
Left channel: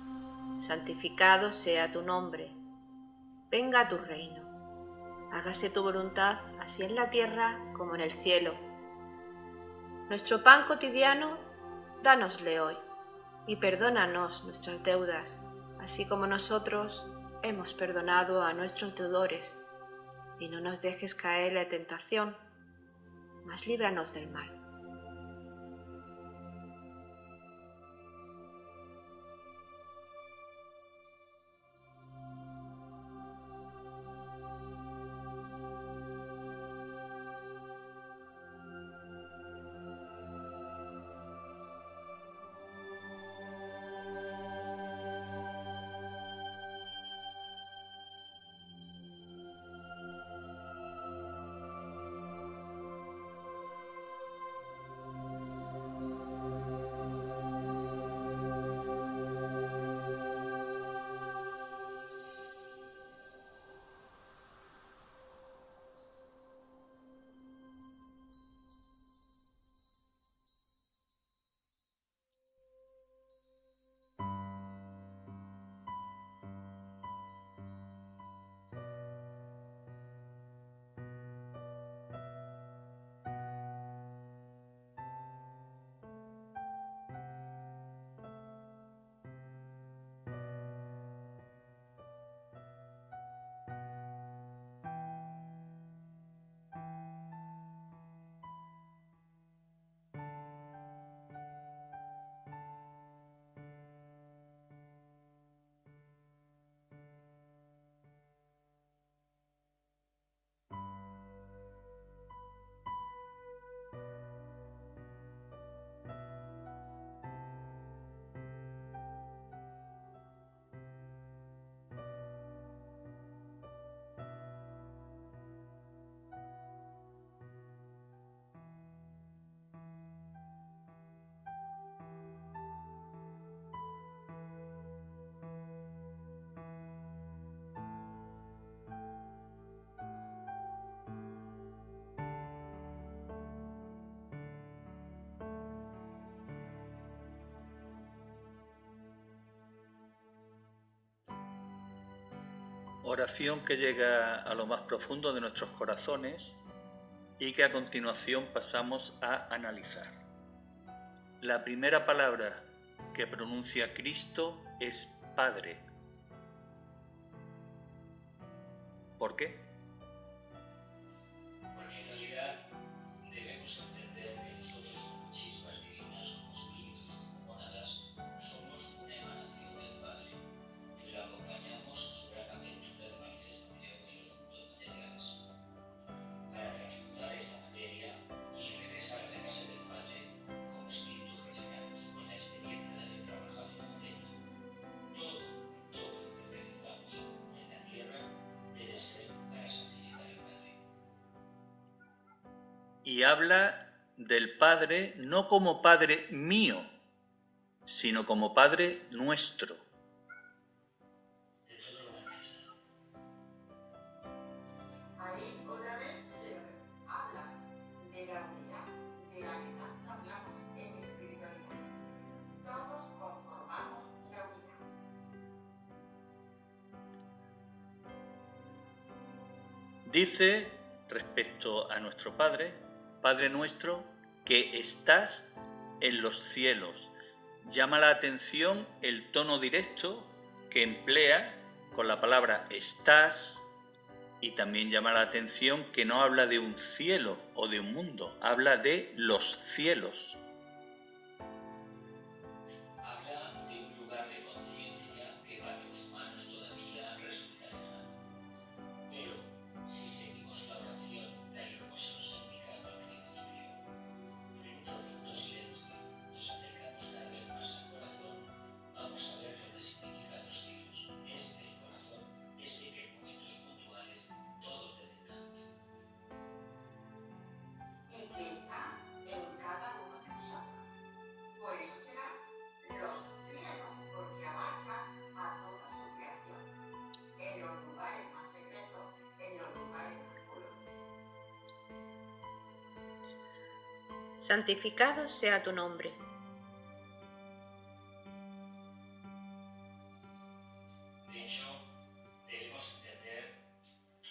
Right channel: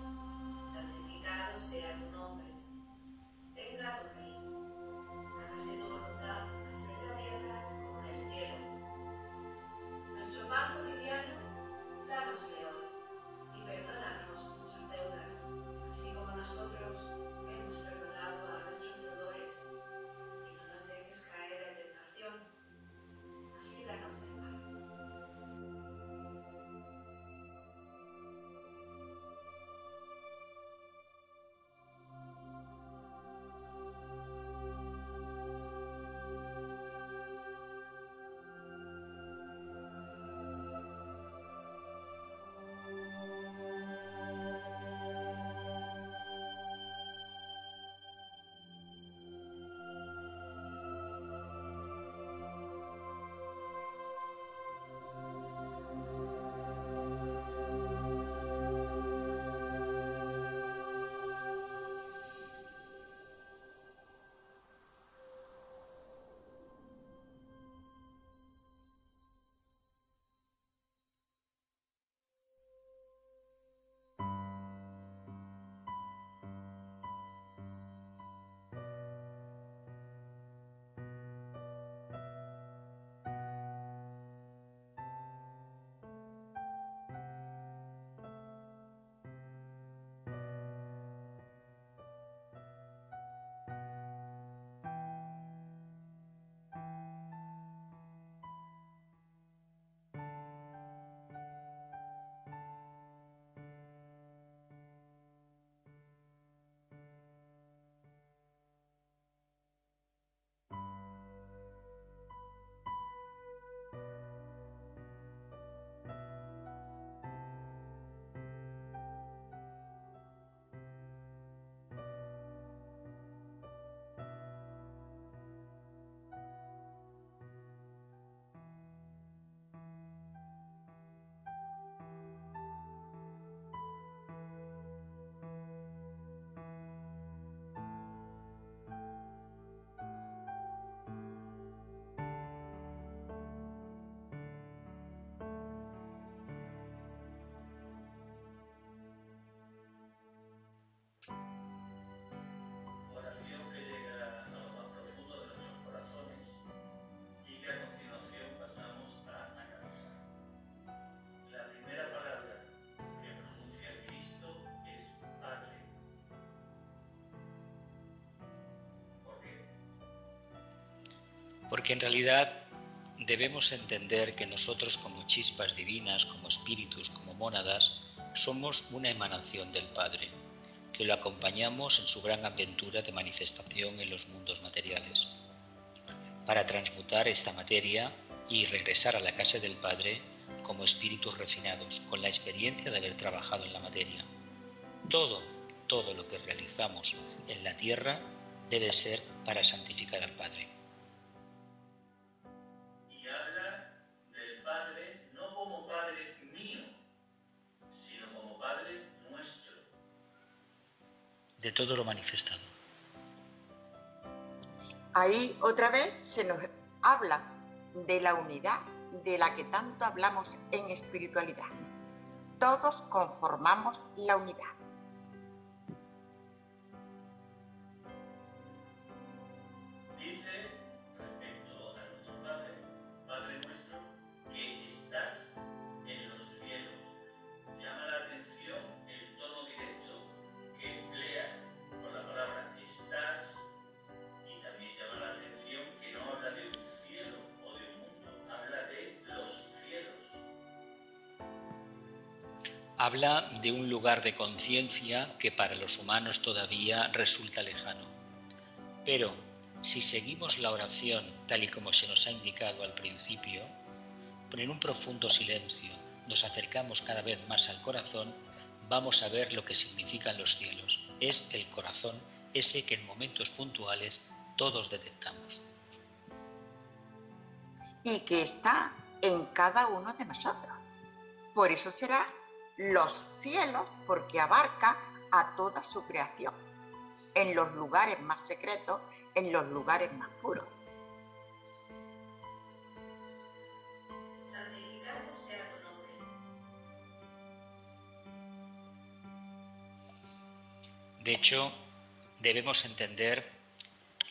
santificado sea tu nombre. Venga a tu reino. Hágase tu voluntad, así en la tierra como en el cielo. Nuestro pan cotidiano, dánosle hoy, y perdónanos nuestras deudas, así como nosotros hemos perdonado a nuestros deudores. Y no nos dejes caer en la tentación, mas líbranos del mal. Oración que llega a lo más profundo de nuestros corazones y que a continuación pasamos a analizar. La primera palabra que pronuncia Cristo es Padre. ¿Por qué? Porque en realidad debemos entender que nosotros como chispas divinas, como espíritus, como mónadas, somos una emanación del Padre, que lo acompañamos en su gran aventura de manifestación en los mundos materiales. Para transmutar esta materia y regresar a la casa del Padre como espíritus refinados, con la experiencia de haber trabajado en la materia. Todo lo que realizamos en la tierra debe ser para santificar al Padre. Y habla del Padre no como Padre mío, sino como Padre nuestro. De todo lo manifestado. Ahí otra vez se nos habla de la unidad de la que tanto hablamos en espiritualidad. Todos conformamos la unidad. Dice respecto a nuestro Padre, Padre nuestro, que estás en los cielos. Llama la atención el tono directo que emplea con la palabra estás, y también llama la atención que no habla de un cielo o de un mundo, habla de los cielos. Habla de un lugar de conciencia que para los humanos todavía resulta lejano. Pero si seguimos la oración tal y como se nos ha indicado al principio, en un profundo silencio nos acercamos cada vez más al corazón, vamos a ver lo que significan los cielos. Es el corazón ese que en momentos puntuales todos detectamos. Y que está en cada uno de nosotros. Por eso será los cielos, porque abarca a toda su creación, en los lugares más secretos, en los lugares más puros. Santificado sea tu nombre. De hecho, debemos entender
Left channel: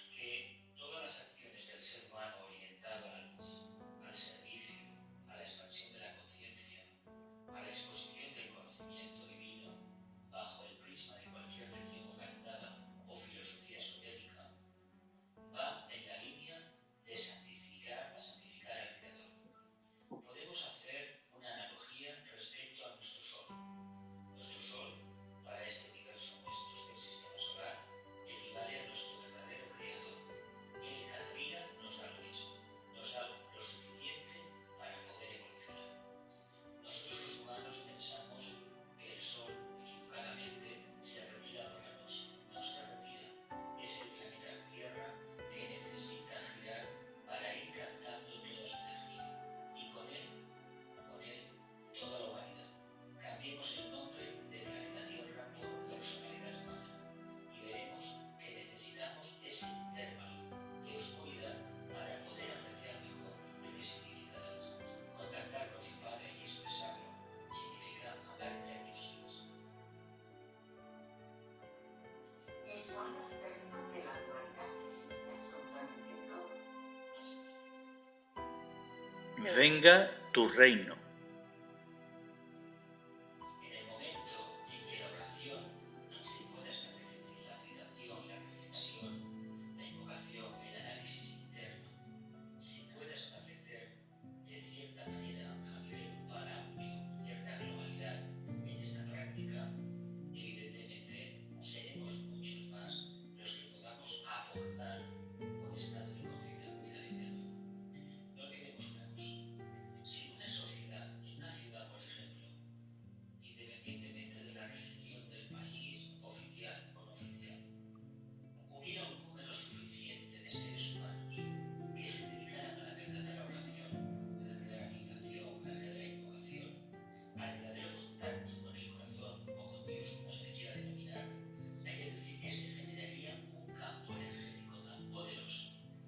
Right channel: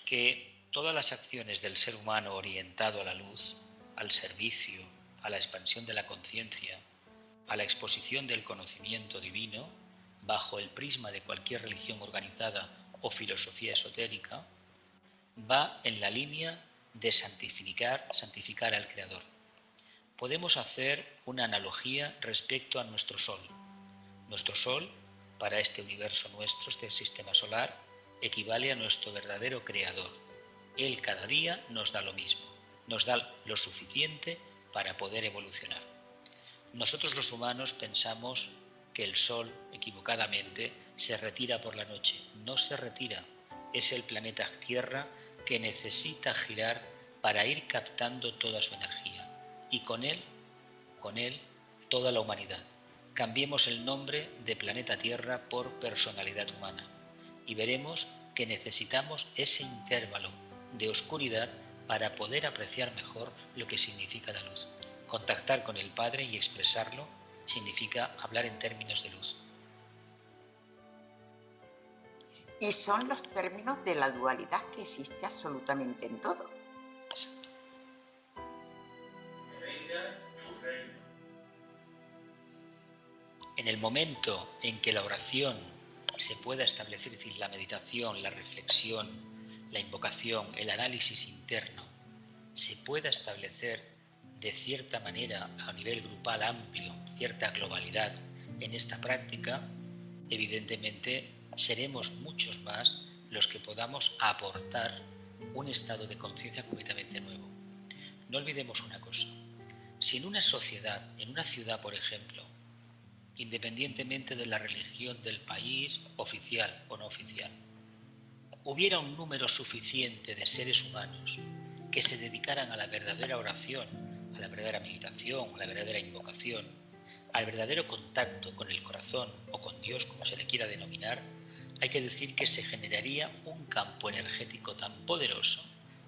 que todas las acciones del ser humano orientado a la luz, al servicio, a la expansión de la conciencia, a la exposición del conocimiento divino, bajo el prisma de cualquier religión organizada o filosofía esotérica, va en la línea de santificar al Creador. Podemos hacer una analogía respecto a nuestro Sol. Nuestro Sol, para este universo nuestro, este sistema solar, equivale a nuestro verdadero Creador. Él cada día nos da lo mismo, nos da lo suficiente para poder evolucionar. Nosotros los humanos pensamos que el Sol, equivocadamente, se retira por la noche. No se retira, es el planeta Tierra que necesita girar para ir captando toda su energía. Y con él, toda la humanidad. Cambiemos el nombre de planeta Tierra por personalidad humana y veremos que necesitamos ese intervalo de oscuridad para poder apreciar mejor lo que significa la luz. Contactar con el Padre y expresarlo significa hablar en términos de luz. Y son los términos de la dualidad que existe absolutamente en todo. Exacto. Venga tu reino. En el momento en que la oración se pueda establecer, es decir, la meditación, la reflexión, la invocación, el análisis interno, se pueda establecer de cierta manera a nivel grupal amplio, cierta globalidad en esta práctica, evidentemente seremos muchos más los que podamos aportar un estado de conciencia completamente nuevo. No olvidemos una cosa, si en una sociedad, en una ciudad por ejemplo, independientemente de la religión del país, oficial o no oficial, hubiera un número suficiente de seres humanos que se dedicaran a la verdadera oración, a la verdadera meditación, a la verdadera invocación, al verdadero contacto con el corazón o con Dios, como se le quiera denominar, hay que decir que se generaría un campo energético tan poderoso,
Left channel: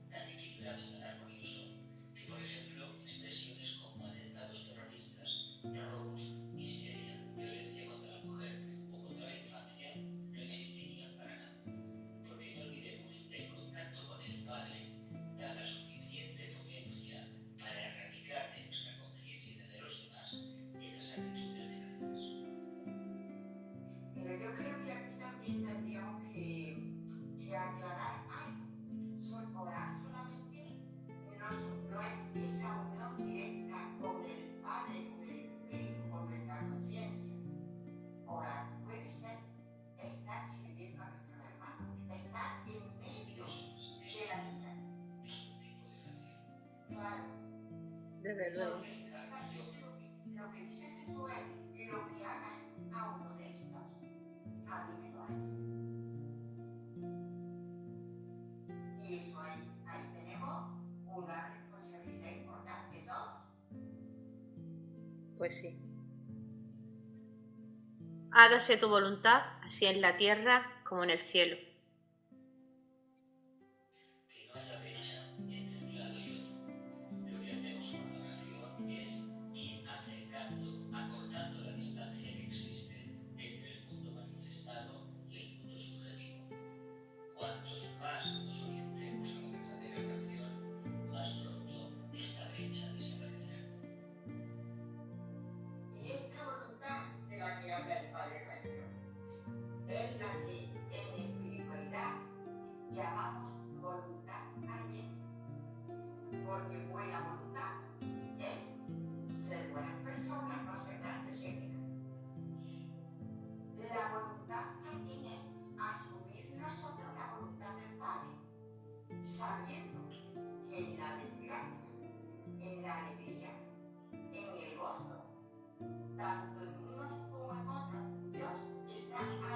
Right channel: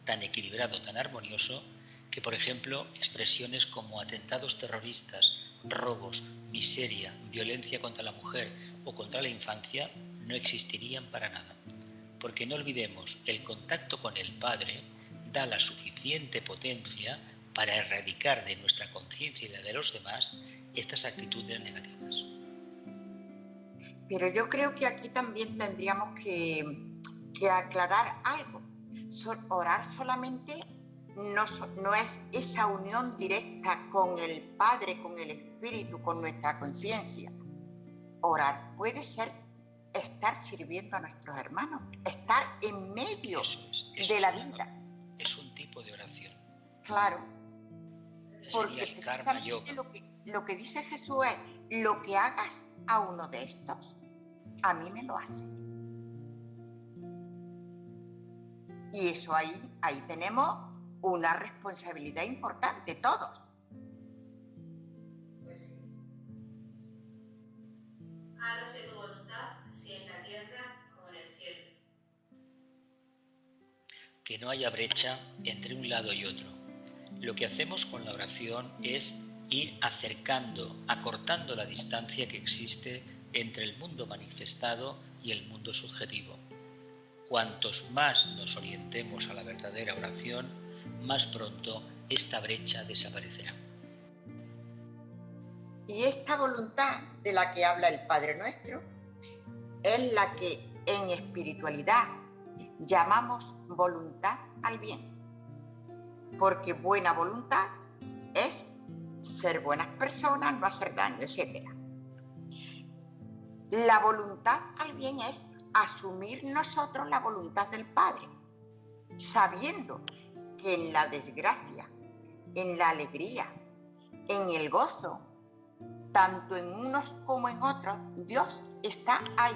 tan equilibrado, tan armonioso, que por ejemplo expresiones como atentados terroristas, robos, miseria, violencia contra la mujer o contra la infancia no existirían para nada. Porque no olvidemos, el contacto con el Padre da la suficiente potencia para erradicar de nuestra conciencia y la de los demás estas actitudes negativas. Pero yo creo que aquí también tendríamos que aclarar algo. Orar solamente no es esa unión directa con el Padre, con el Espíritu, con nuestra conciencia. Orar puede ser estar sirviendo a nuestros hermanos, estar en medio de la vida. Es un tipo de oración. Claro, porque precisamente lo que dice Jesús es: lo que hagas a uno de estos, a mí me lo hace. Y eso ahí tenemos una responsabilidad importante todos. Pues sí. Hágase tu voluntad, así en la tierra como en el cielo. Que no haya brecha entre un lado y otro. Lo que hacemos con la oración es ir acercando, acortando la distancia que existe entre el mundo manifestado y el mundo subjetivo. Cuantos más nos orientemos a la verdadera oración, más pronto esta brecha desaparecerá. Y esta voluntad de la que habla el Padre Nuestro es la que en espiritualidad llamamos voluntad al bien. Porque buena voluntad es ser buenas personas, no hacer daño, etc. La voluntad al bien es asumir nosotros la voluntad del Padre, sabiendo que en la desgracia, en la alegría, en el gozo, tanto en unos como en otros, Dios está ahí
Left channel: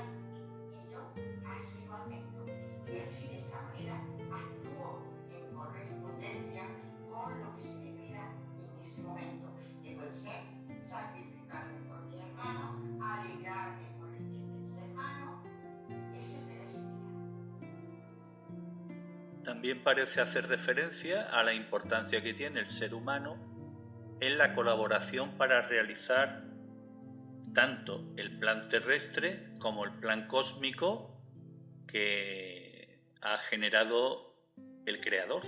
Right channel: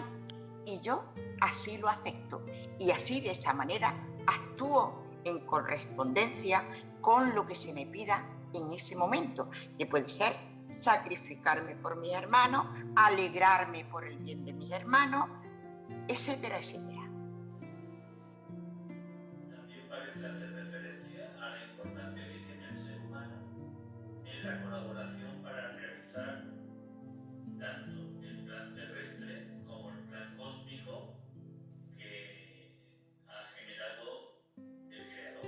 y yo así lo acepto y así de esa manera actúo en correspondencia con lo que se me pida en ese momento, que puede ser sacrificarme por mis hermanos, alegrarme por el bien de mis hermanos, etcétera, etcétera. También parece hacer referencia a la importancia que tiene el ser humano en la colaboración para realizar tanto el plan terrestre como el plan cósmico que ha generado el Creador.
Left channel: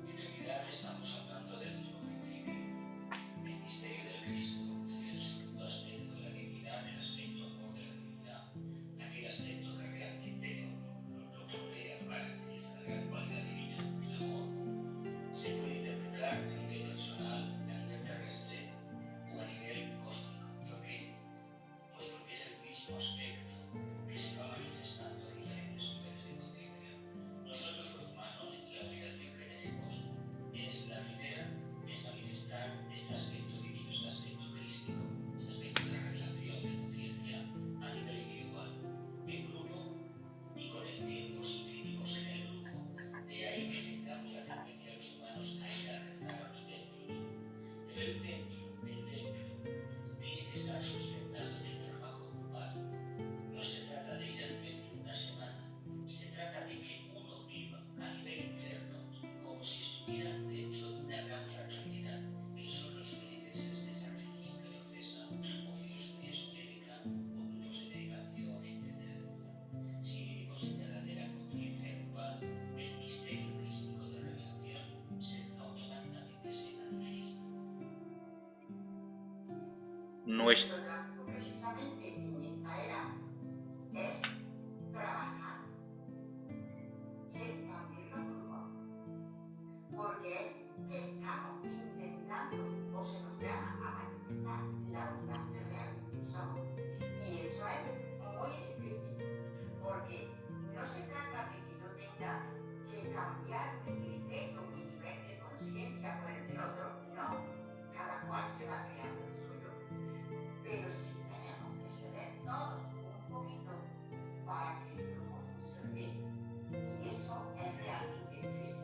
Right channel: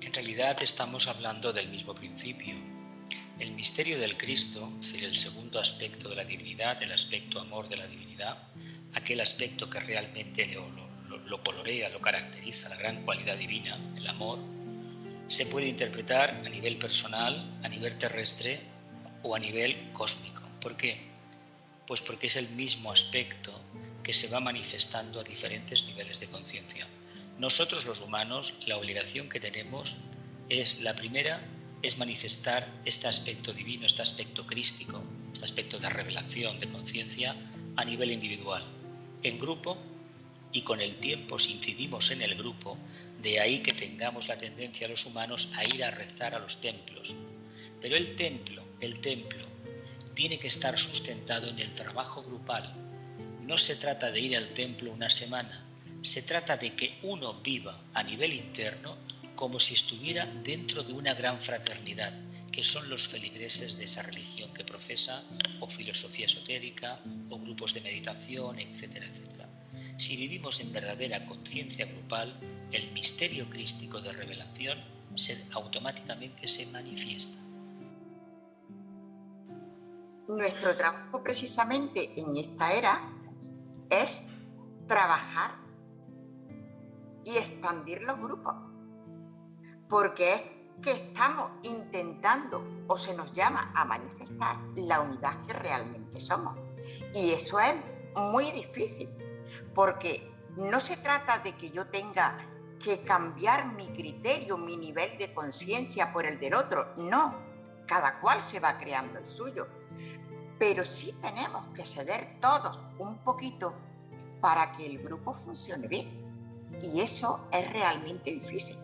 En realidad estamos hablando del mismo principio. El misterio del Cristo, es decir, el segundo aspecto de la divinidad, el aspecto amor de la divinidad, aquel aspecto que realmente lo colorea, lo caracteriza, la gran cualidad divina, el amor, se puede interpretar a nivel personal, a nivel terrestre o a nivel cósmico. ¿Por qué? Pues porque es el mismo aspecto que se va manifestando a diferentes niveles de conciencia. Nosotros los humanos, la obligación que tenemos es, la primera, es manifestar este aspecto divino, este aspecto crístico, este aspecto de revelación, de conciencia a nivel individual, en grupo, y con el tiempo, si incidimos en el grupo, de ahí que tengamos la tendencia los humanos a ir a rezar a los templos. Pero el templo tiene que estar sustentado en el trabajo grupal. No se trata de ir al templo una semana, se trata de que uno viva a nivel interno como si estuviera dentro de una gran fraternidad, que son los feligreses de esa religión que profesa, o filosofía esotérica, o grupos de meditación, etcétera, etcétera. Si vivimos en verdadera conciencia grupal, el misterio crístico de revelación automáticamente se manifiesta. Nuestro trabajo precisamente en esta era es trabajar y expandir los grupos, porque es que estamos intentando, o se nos llama a manifestar, la unidad que realmente somos. Y eso es muy difícil, porque no se trata de que yo tenga que cambiar mi criterio, mi nivel de conciencia por el del otro. No, cada cual se va creando el suyo. Pero sí tenemos que ceder todos un poquito para que el grupo funcione bien. Y eso es realmente difícil.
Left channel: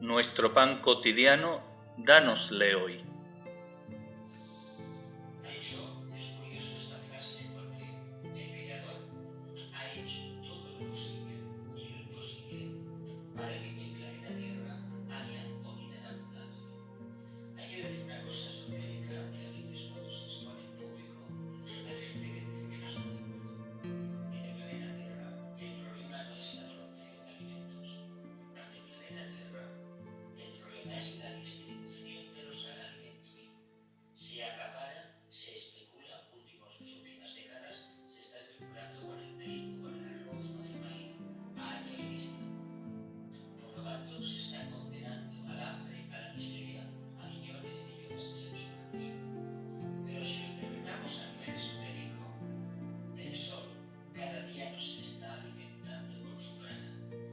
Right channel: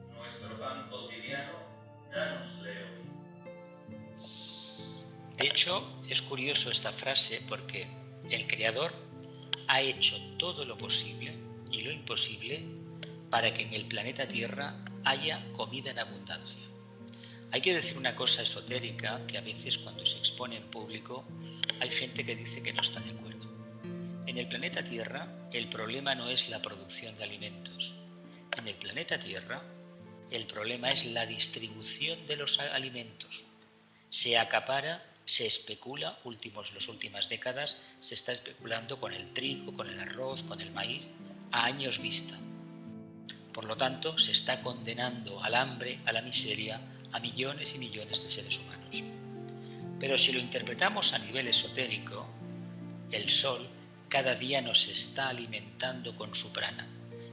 Nuestro pan cotidiano, dánosle hoy. De hecho, es curioso esta frase porque el Creador ha hecho todo lo posible y lo imposible para que en el planeta Tierra haya comida en abundancia. Hay que decir una cosa esotérica que a veces cuando se expone en público hay gente que dice que no está de acuerdo. En el planeta Tierra el problema no es la producción de alimentos. En el planeta Tierra el problema es la distribución de los alimentos. Se acapara, se especula, las últimas décadas se está especulando con el trigo, con el arroz, con el maíz, a años vista. Por lo tanto, se está condenando al hambre, a la miseria, a millones y millones de seres humanos. Pero si lo interpretamos a nivel esotérico, el sol cada día nos está alimentando con su prana.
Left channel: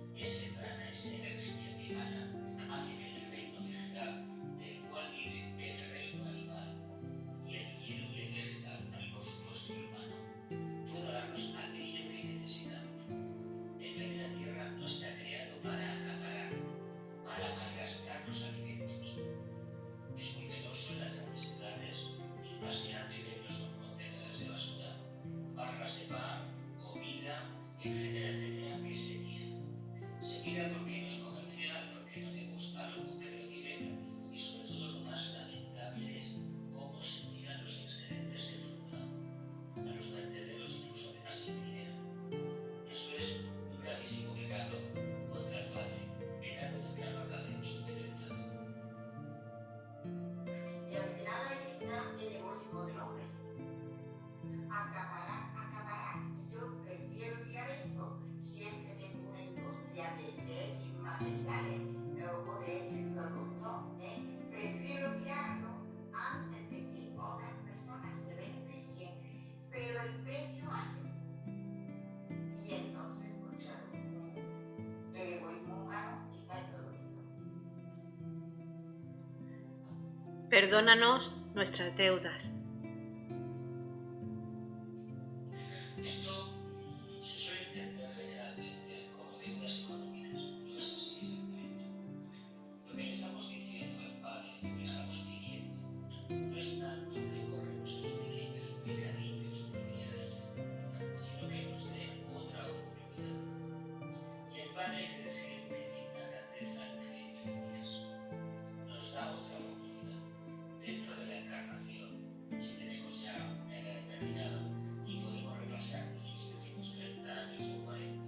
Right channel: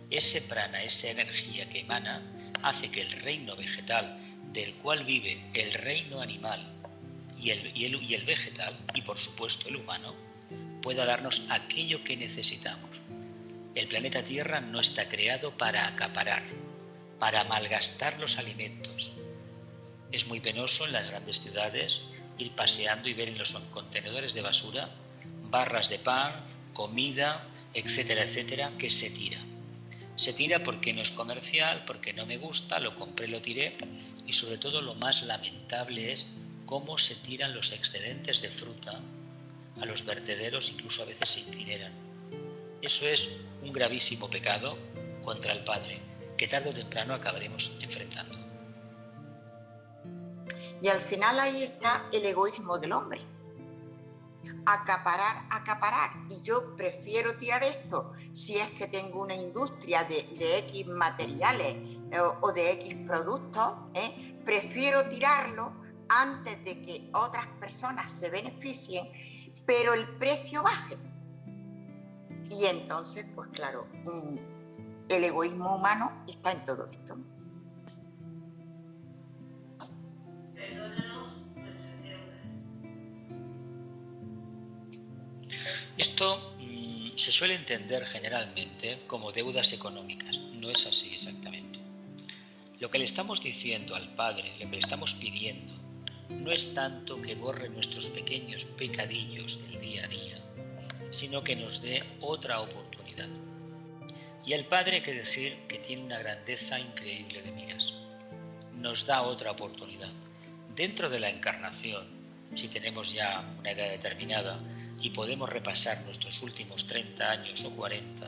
Ese prana, esa energía que emana, hace que el reino vegetal, del cual vive el reino animal y el vegetal, y por supuesto el humano, pueda darnos aquello que necesitamos. El planeta Tierra no está creado para acaparar, para malgastar los alimentos. Es muy penoso en las grandes ciudades ir paseando y ver en los contenedores de basura barras de pan, comida, etcétera, etcétera, que se tira. Se tira porque no es comercial, porque no me gusta, lo compré, lo tiré, y sobre todo lo más lamentable es cómo se tiran los excedentes de fruta a los vertederos, incluso a veces se incineran. Eso es un gravísimo pecado contra el Padre, que tarde o temprano acabaremos enfrentando. Y al final ahí está el egoísmo del hombre. Acaparar. Y yo prefiero tirar esto si es que tengo una industria de X materiales o de X productos, prefiero tirarlo antes de que otras personas se beneficien, pero el precio baje. Y entonces, pues claro, el egoísmo humano está en todo esto. Perdónanos nuestras deudas. Esto se suele entender generalmente como deudas económicas. No es así exactamente. Lo que le estamos diciendo al Padre, lo que le estamos pidiendo, no es tanto que borre nuestros pequeños pecadillos del día a día, sino que nos dé otra oportunidad. Y el Padre, hay que decir que tiene una grandeza increíble de miras. Nos da otra oportunidad. Dentro de la encarnación, si tenemos ya una edad determinada y podemos repasar nuestros últimos 30 años o 40,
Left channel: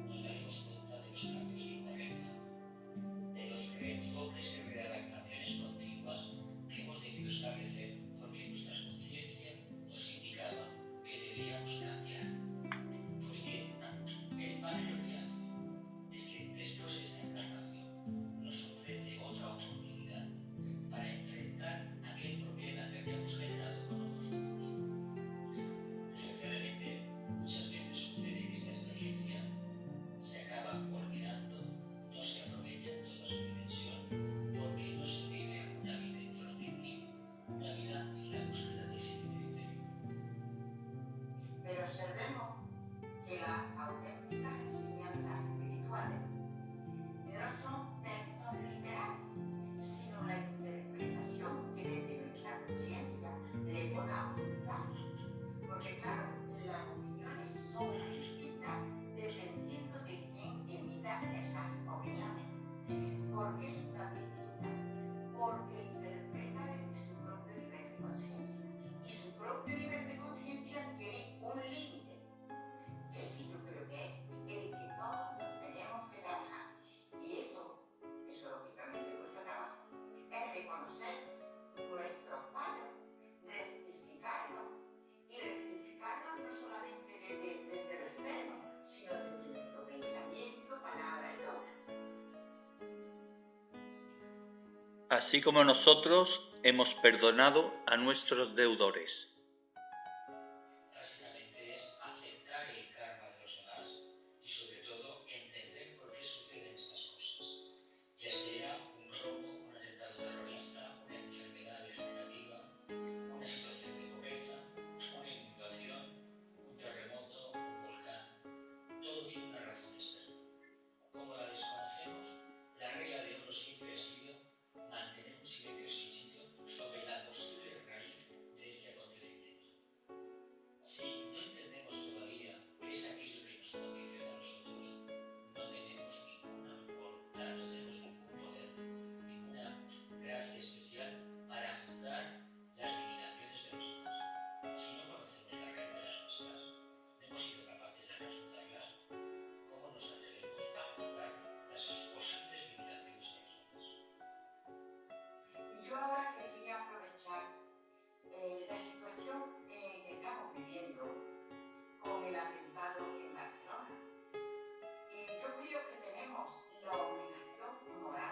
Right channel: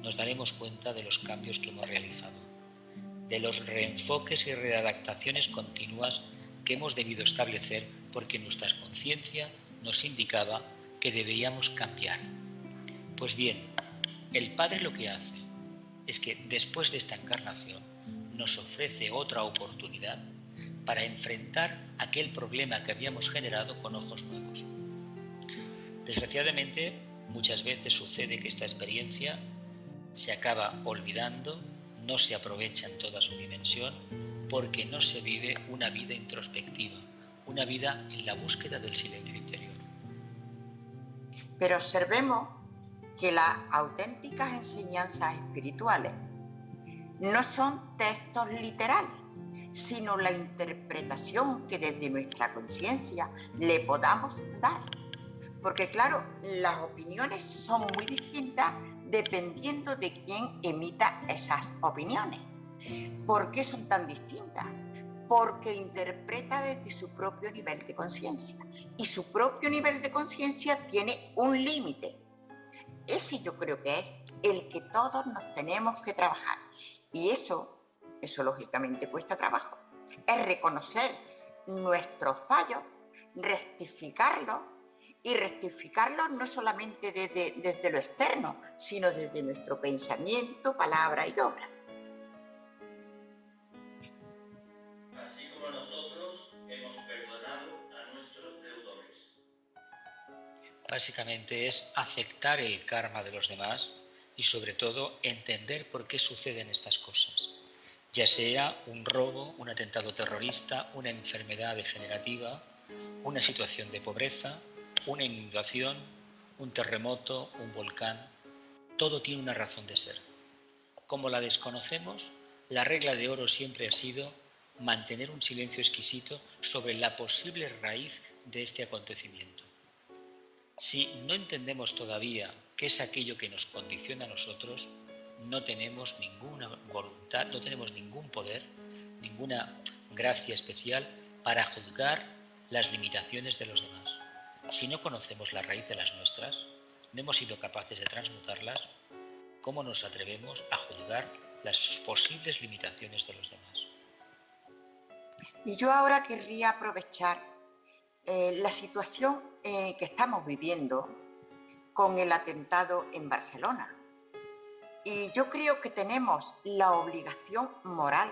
nos daremos cuenta de los cambios que hemos realizado, de los reenfoques y readaptaciones continuas que hemos debido establecer porque nuestra conciencia nos indicaba que deberíamos cambiar. Pues bien, el Padre lo que hace es que después de esta encarnación nos ofrece otra oportunidad para enfrentar aquel problema que habíamos generado con ojos nuevos. Desgraciadamente, muchas veces sucede que esta experiencia se acaba olvidando, no se aprovecha en toda su dimensión, porque no se vive una vida introspectiva, una vida en la búsqueda del silencio interior. Pero observemos que las auténticas enseñanzas espirituales no son textos literales, sino la interpretación que desde nuestra conciencia le podamos dar. Porque claro, las opiniones son muy distintas dependiendo de quién emita esas opiniones. ¿Por qué son tan distintas? Porque interpreta desde su propio nivel de conciencia. Y su propio nivel de conciencia tiene un límite. Ese yo creo que es el que todos nos tenemos que trabajar. Y eso lógicamente cuesta trabajo. Es reconocer nuestros fallos, rectificarlos, y rectificarlos no solamente desde lo externo, sino desde nuestro pensamiento, palabra y obra. Así como nosotros hemos perdonado a nuestros deudores. Básicamente es aceptar el karma de los demás y sobre todo entender por qué suceden estas cosas. Ya sea un robo, un atentado terrorista, una enfermedad degenerativa, una situación de pobreza, una inundación, un terremoto, un volcán, todo tiene una razón de ser. Como la desconocemos, la regla de oro siempre ha sido mantener un silencio exquisito sobre la posible raíz de este acontecimiento. Si no entendemos todavía qué es aquello que nos condiciona a nosotros, no tenemos ninguna voluntad, no tenemos ningún poder, ninguna gracia especial para juzgar las limitaciones de los demás. Si no conocemos la raíz de las nuestras, no hemos sido capaces de transmutarlas, ¿cómo nos atrevemos a juzgar las posibles limitaciones de los demás? Y yo ahora querría aprovechar la situación que estamos viviendo con el atentado en Barcelona. Y yo creo que tenemos la obligación moral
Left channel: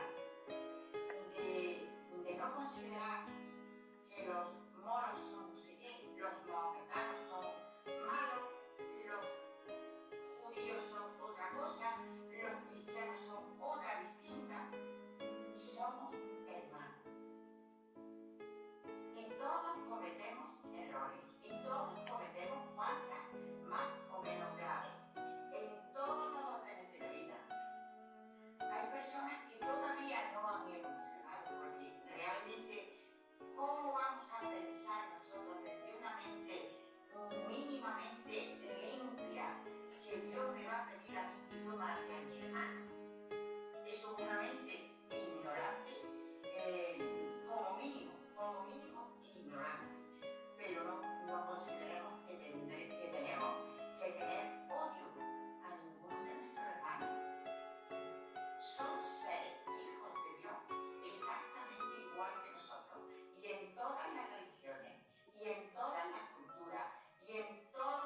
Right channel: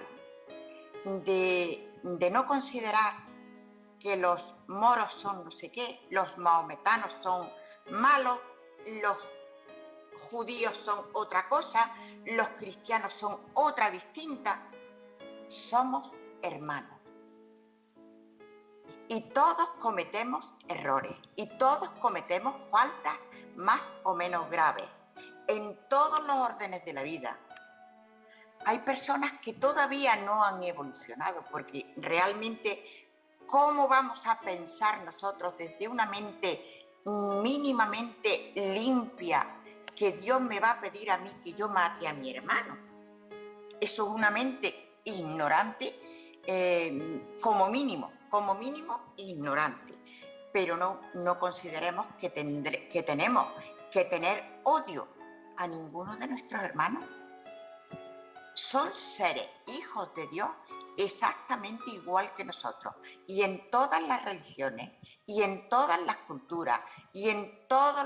de no considerar que los moros son no sé qué, los mahometanos son malos, los judíos son otra cosa, los cristianos son otra distinta. Somos hermanos. Y todos cometemos errores y todos cometemos faltas más o menos graves en todos los órdenes de la vida. Hay personas que todavía no han evolucionado porque realmente ¿cómo vamos a pensar nosotros desde una mente mínimamente limpia que Dios me va a pedir a mí que yo mate a mi hermano? Eso es una mente ignorante, como mínimo ignorante. Pero no consideremos que tenemos que tener odio a ninguno de nuestros hermanos. Son seres, hijos de Dios, exactamente igual que nosotros. Y en todas las religiones, y en todas las culturas, y en todos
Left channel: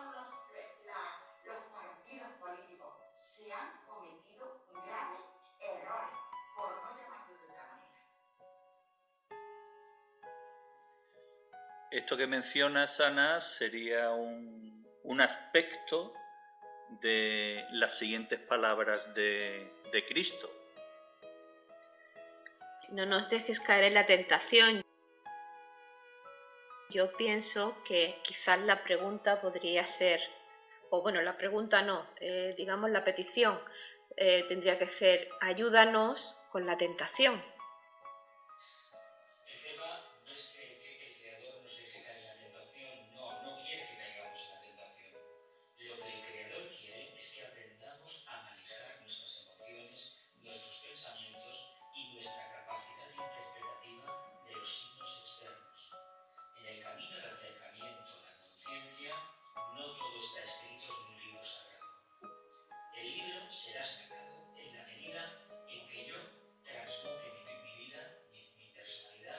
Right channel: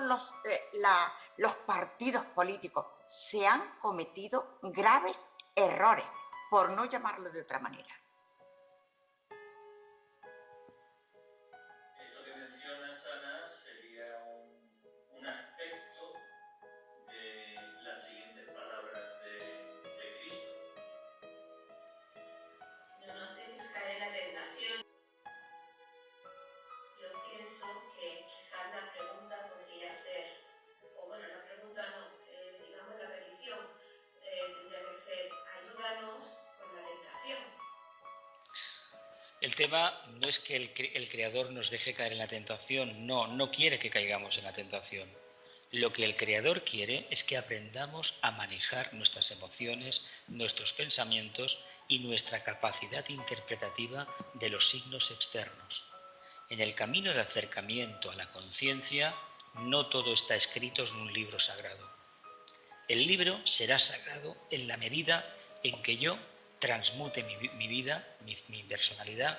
los partidos políticos, se han cometido graves errores, por no llamarlo de otra manera. Esto que mencionas, Ana, sería un aspecto de las siguientes palabras de Cristo. No nos dejes caer en la tentación. Yo pienso que quizás la pregunta podría ser, o bueno, la pregunta no, digamos la petición tendría que ser, ayúdanos con la tentación. El tema no es que el Creador nos deje caer en la tentación, no quiere que caigamos en la tentación. Lo que el Creador quiere es que aprendamos a manejar nuestras emociones, nuestros pensamientos y nuestra capacidad interpretativa de los signos externos. En el camino de acercamiento a la conciencia, no todo está escrito en un libro sagrado. El libro será sagrado en la medida en que yo transmute mi vida, mi personalidad,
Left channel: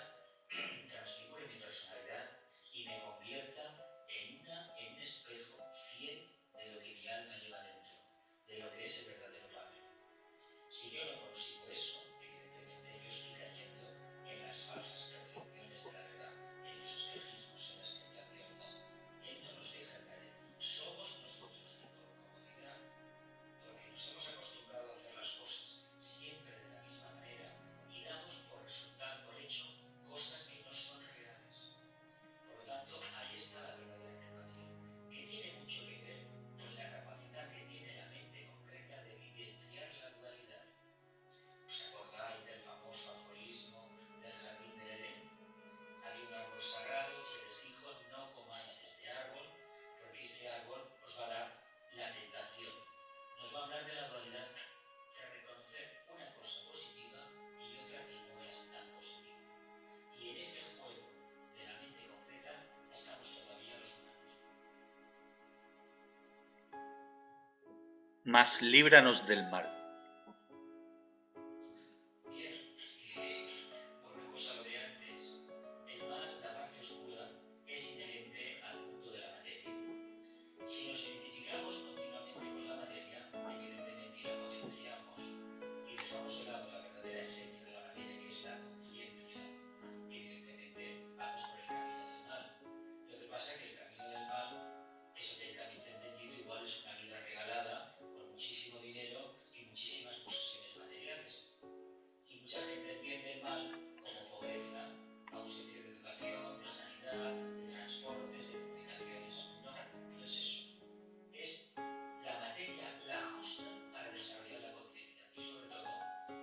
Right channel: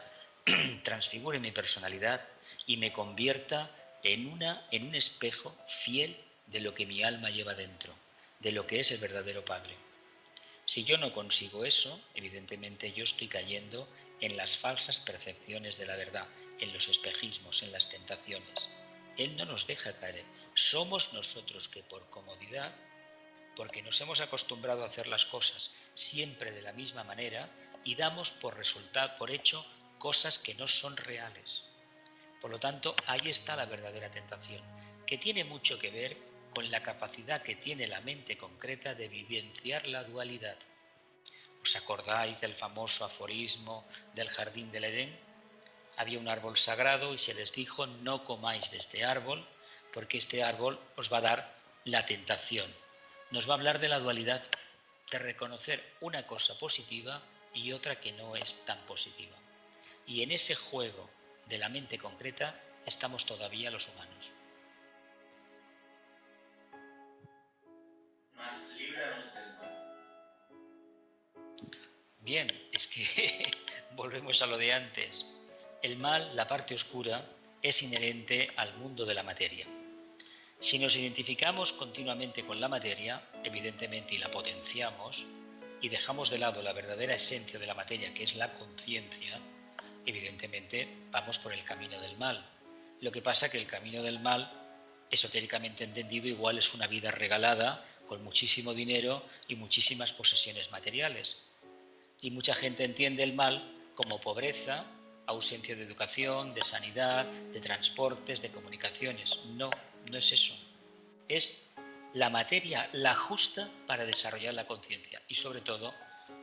transfigure mi personalidad y me convierta en un espejo fiel de lo que mi alma lleva dentro, de lo que es el verdadero Padre. Si yo no consigo eso, evidentemente yo estoy cayendo en las falsas percepciones de la verdad, en los espejismos, en las tentaciones. Él no nos deja caer. Somos nosotros que por comodidad, porque nos hemos acostumbrado a hacer las cosas siempre de la misma manera y damos por hecho cosas que no son reales. Por lo tanto, ahí está la verdadera tentación, que tiene mucho que ver con la capacidad que tiene la mente concreta de vivenciar la dualidad. ¿Os acordáis del famoso aforismo del jardín del Edén? Había un árbol sagrado y se les dijo: no comáis de este árbol, porque este árbol os va a dar la tentación. Nos va a hablar de la dualidad, de reconocer una cosa positiva y otra que no es tan positiva. Y en ese juego de la mente concreta estamos todavía los humanos. Mas líbranos del mal. Bien, es que volvemos a lo de antes. El mal, la parte oscura, es inherente al mundo de la materia. Si nos identificamos continuamente con la materia, evidentemente, y la potenciamos, y dejamos de lado la verdadera esencia de la materia, que es la conciencia, evidentemente vamos por el camino del mal. Lo que pasa es que el camino del mal, esotéricamente entendido, igual es una vida regalada, con muchísimo dinero y muchísimas posesiones materiales. Y mucha gente entiende el mal como pobreza, ausencia de educación, de sanidad, de transportes, de comunicaciones. No, no es eso. Es la materia la justa para desarrollar la conciencia y, sobre todo,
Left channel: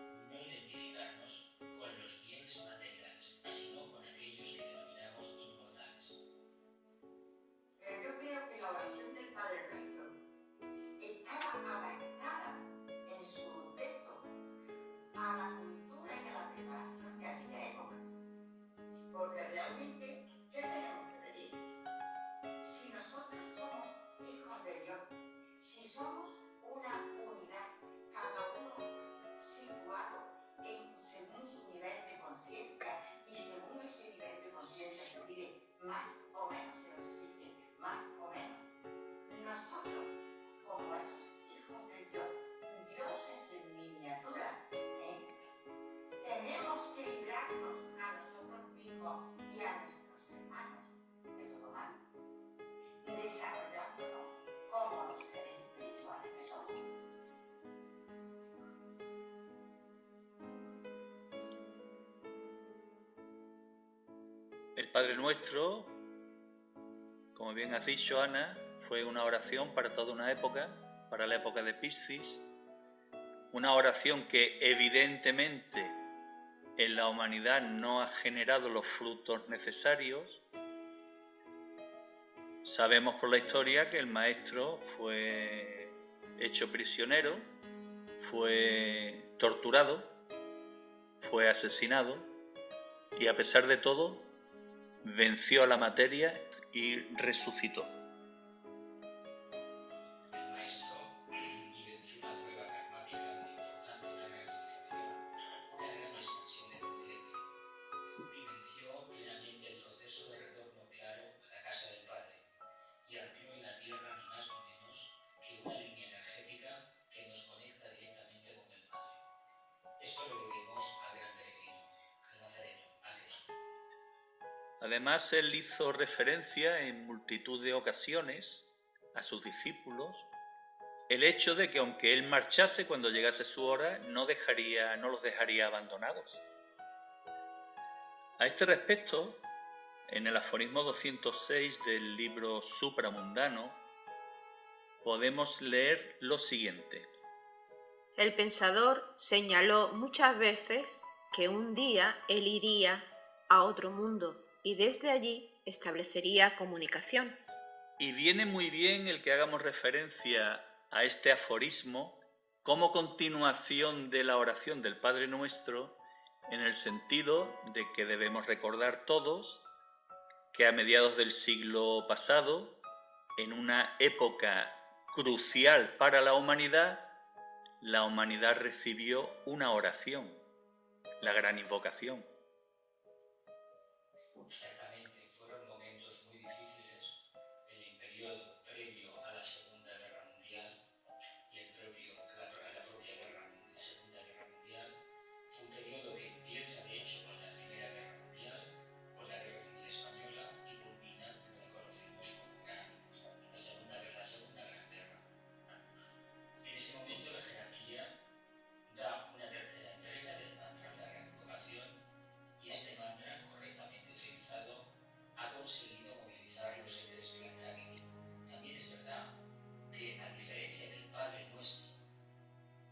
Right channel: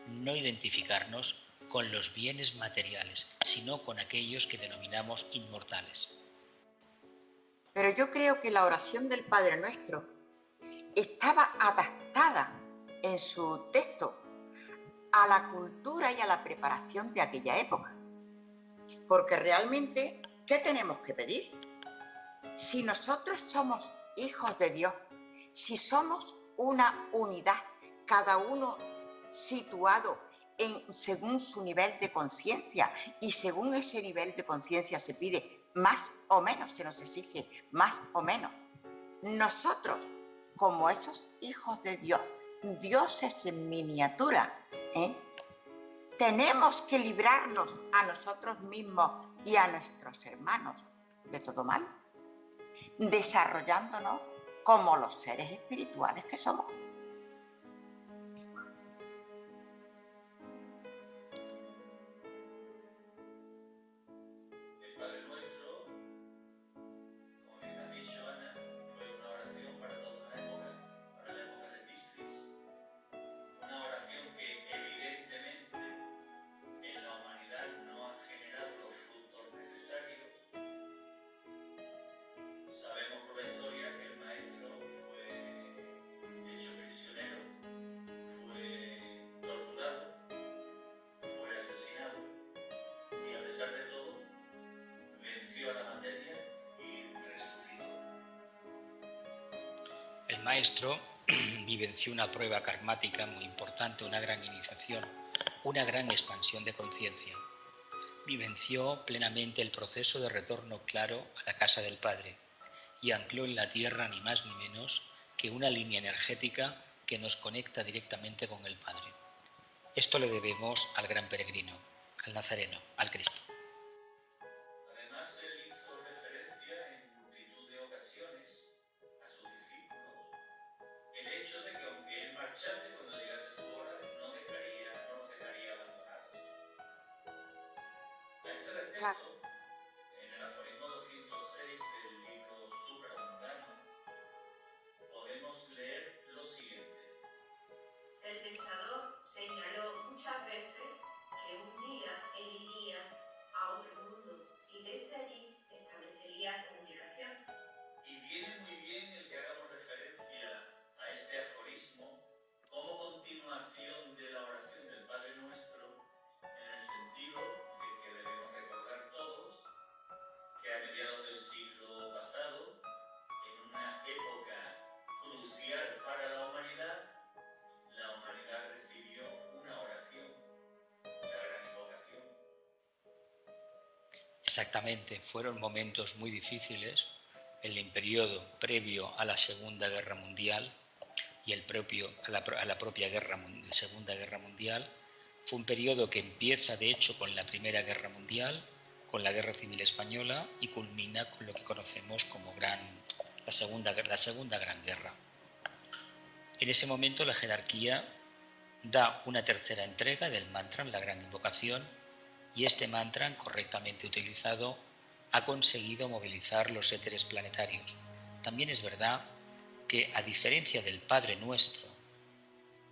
no identificarnos con los bienes materiales, sino con aquellos que denominamos inmortales. Pero yo creo que la oración del Padre Nuestro estaba adaptada en su texto a la cultura y a la preparación de aquella época. Porque realmente, ¿qué tenemos que pedir? Si nosotros somos hijos de Dios, si somos una unidad, cada uno situado según su nivel de conciencia, y según ese nivel de conciencia se pide más o menos, se nos exige más o menos. Nosotros, como esos hijos de Dios, dioses en miniatura, tenemos que librarnos a nosotros mismos y a nuestros hermanos de todo mal, desarrollándonos como los seres espirituales que somos. El Padre Nuestro, como bien has dicho, Ana, fue una oración para toda una época, para la época de Piscis, una oración que evidentemente en la humanidad no ha generado los frutos necesarios. Sabemos por la historia que el maestro fue hecho prisionero, fue torturado, fue asesinado y, a pesar de todo, venció a la materia y resucitó. El maestro vivenció una prueba karmática muy importante, una gran iniciación, una gran expansión de conciencia. Vivenció plenamente el proceso de retorno claro a la casa del Padre y ancló en la tierra ni más ni menos que una línea energética que nos conecta directamente con el Padre. Esto le debemos al gran peregrino, al Nazareno, al Cristo. Además, él hizo referencia en multitud de ocasiones a sus discípulos el hecho de que, aunque él marchase cuando llegase su hora, no los dejaría abandonados. A este respecto, en el aforismo 206 del libro Supramundano, podemos leer lo siguiente. El pensador señaló muchas veces que un día él iría a otro mundo y desde allí establecería comunicación. Y viene muy bien el que hagamos referencia a este aforismo como continuación de la oración del Padre Nuestro, en el sentido de que debemos recordar todos que a mediados del siglo pasado, en una época crucial para la humanidad recibió una oración, la gran invocación. Exactamente, fueron momentos muy difíciles en el periodo previo a la Segunda Guerra Mundial y a la propia Segunda Guerra Mundial. Fue un periodo que empieza de hecho con la Primera Guerra Mundial, con la Guerra Civil Española y culmina con lo que conocemos como la Segunda Gran Guerra. En ese momento la jerarquía da una tercera entrega del mantra, la gran invocación, y este mantra, correctamente utilizado, ha conseguido movilizar los éteres planetarios. También es verdad que, a diferencia del Padre Nuestro,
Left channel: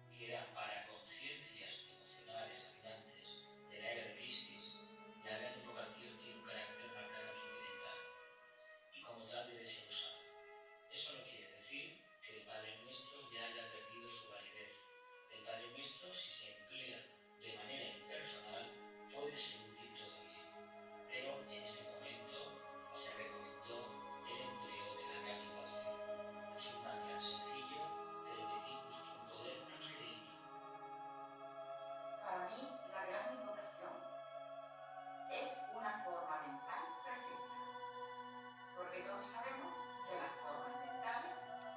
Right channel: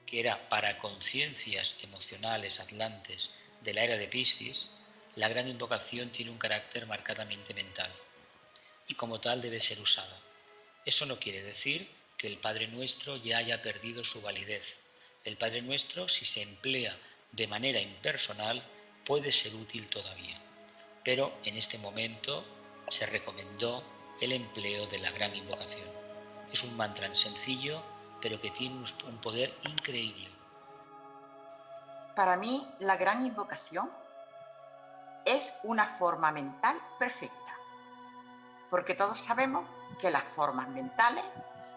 que era para conciencias emocionales atlantes de la era de Piscis, la gran invocación tiene un carácter marcadamente mental y como tal debe ser usada. Eso no quiere decir que el Padre Nuestro ya haya perdido su validez. El Padre Nuestro, si se emplea de manera impersonal, puede ser útil todavía. Pero en este momento se recomendó el empleo de la gran invocación. Es un mantra sencillo, pero que tiene un poder increíble. Para mí, la gran invocación es una forma mental perfecta, porque todos sabemos que las formas mentales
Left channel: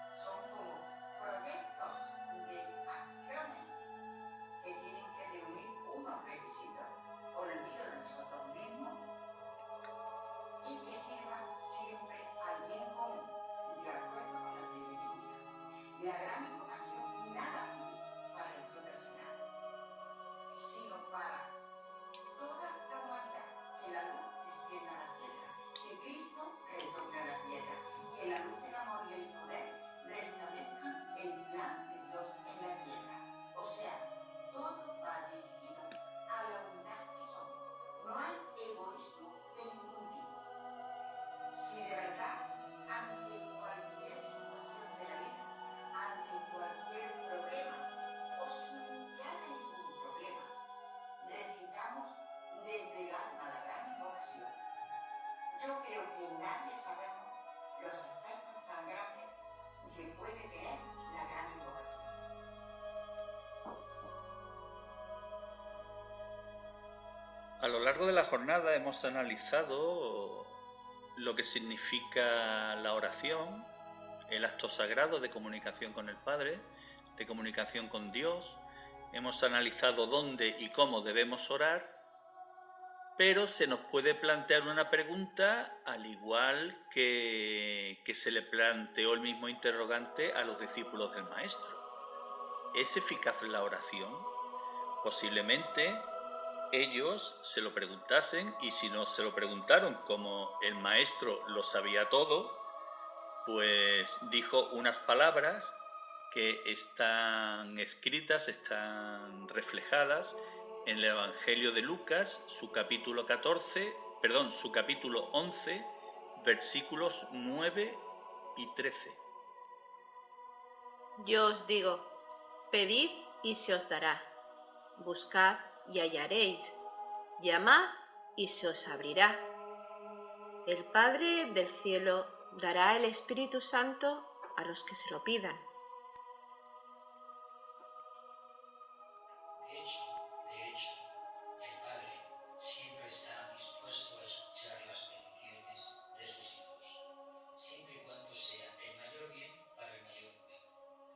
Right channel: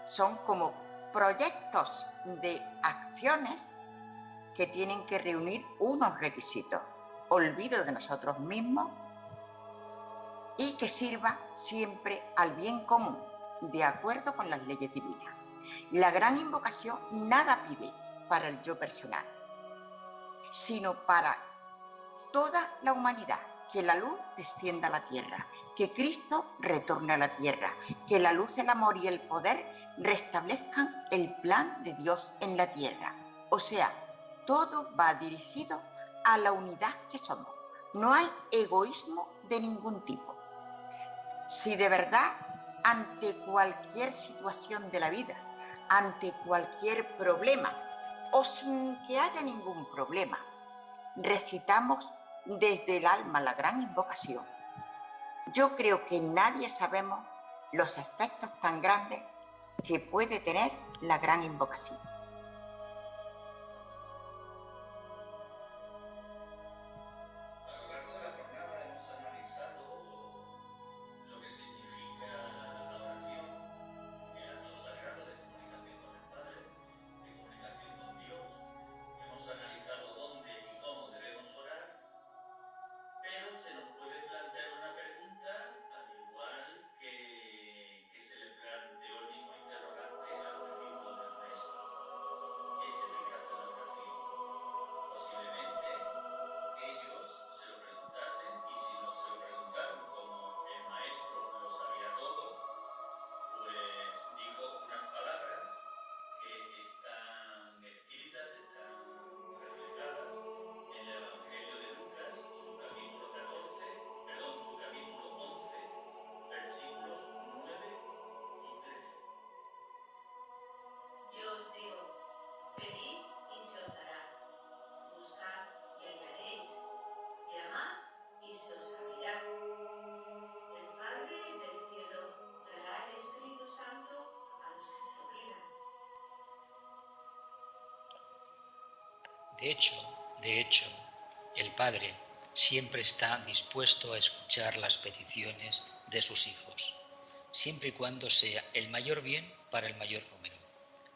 son como proyectos de acciones que tienen que reunir unos requisitos, olvido de nosotros mismos y que sirva siempre al bien común, de acuerdo con las leyes divinas. La gran invocación nada pide para el yo personal, sino para toda la humanidad, que la luz descienda a la tierra, que Cristo retorne a la tierra, que la luz, el amor y el poder restablezcan el plan de Dios en la tierra. O sea, todo va dirigido a la unidad que somos. No hay egoísmo de ningún tipo. Si de verdad, ante cualquier situación de la vida, ante cualquier problema, o sin que haya ningún problema, recitamos desde el alma la gran invocación, yo creo que nadie sabemos los efectos tan grandes que puede tener la gran invocación. A lo largo de la jornada hemos analizado lo que significa la oración, el acto sagrado de comunicación con el Padre, de comunicación con Dios. Hemos analizado dónde y cómo debemos orar, pero se nos puede plantear una pregunta al igual que se le planteó el mismo interrogante a los discípulos del Maestro. ¿Es eficaz la oración? Posiblemente ellos se lo preguntasen, y si no se lo preguntaron, como el Maestro lo sabía todo, pues dijo unas palabras que están escritas, están reflejadas en el Evangelio de Lucas, su capítulo 11, versículos 9 y 13. Yo os digo, pedid y se os dará, buscad y hallaréis, llamad y se os abrirá. El Padre del cielo dará el Espíritu Santo a los que se lo pidan. De hecho, el Padre siempre está dispuesto a escuchar las peticiones de sus hijos, siempre y cuando sea el mayor bien para el mayor número,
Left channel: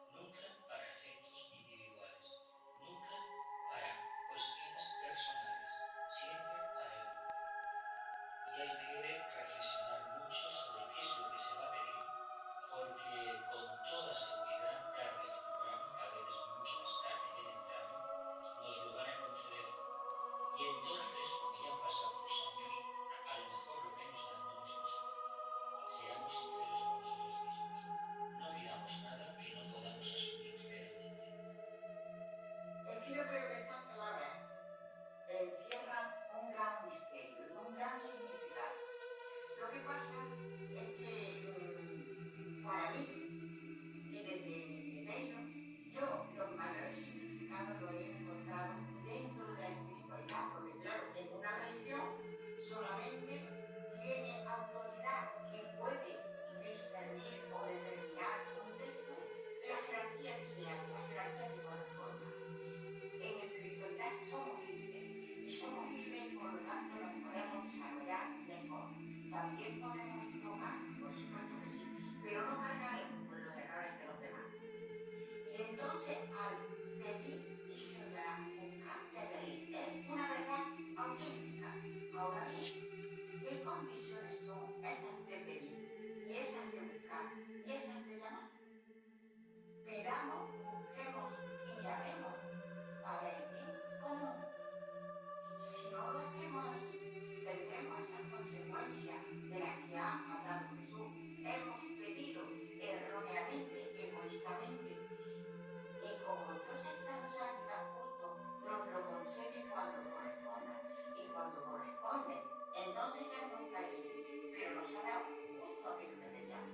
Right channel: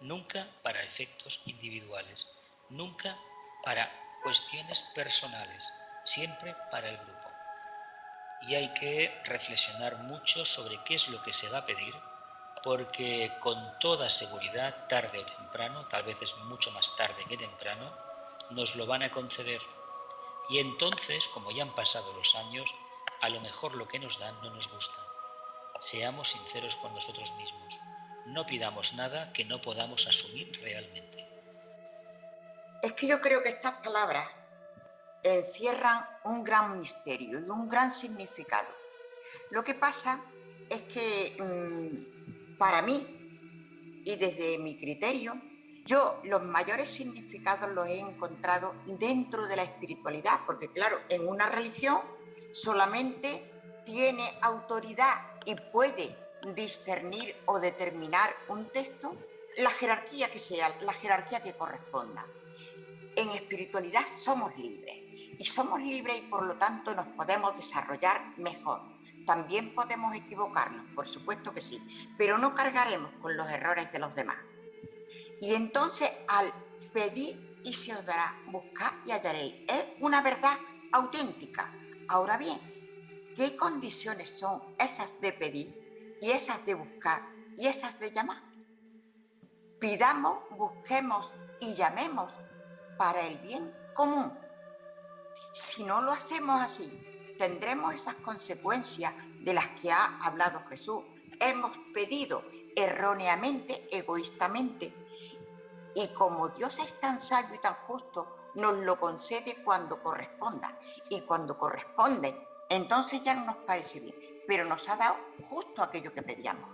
nunca para efectos individuales, nunca para cuestiones personales, siempre para el grupo. Y hay que reflexionar mucho sobre qué es lo que se va a pedir, porque con toda seguridad, tarde o temprano, tal vez es mucho más tarde que temprano, nos lo van a conceder. Y entonces, como ya han pasado los años, a lo mejor lo que nos dan no nos gusta. Seamos sinceros con nosotros mismos. No pidamos nada que no podamos asumir realmente. Es que yo creo que estas palabras encierran un gran misterio y un gran significado. Lo que pasa es que para mí, y desde mi criterio, yo los mayores significados los he encontrado dentro de la espiritualidad, porque claro, en una religión solamente tiene autoridad y puede discernir o determinar un texto, la jerarquía que sea, la jerarquía que corresponda. En espiritualidad somos libres y somos libres y por lo tanto nos podemos desarrollar mejor. También podemos equivocarnos, por supuesto que sí, pero no cargaremos con los errores de los demás. Y entonces al pedir y se os dará, buscad y hallaréis, es una verdad auténtica. Ahora bien, ¿qué condiciones son esas de pedir y esas de buscar y esas de llamar? Pidamos, busquemos y llamemos para el bien común. Si no lo hacemos así, tendremos esas consecuencias de las que ha hablado Jesús. Hemos pedido erróneamente, egoístamente, y como Dios es tan sabio y tan justo, nos lo concede cuando corresponda. Y cuando corresponde, entonces ya no nos parece bien, pero nos ha dado justo aquello que pedíamos.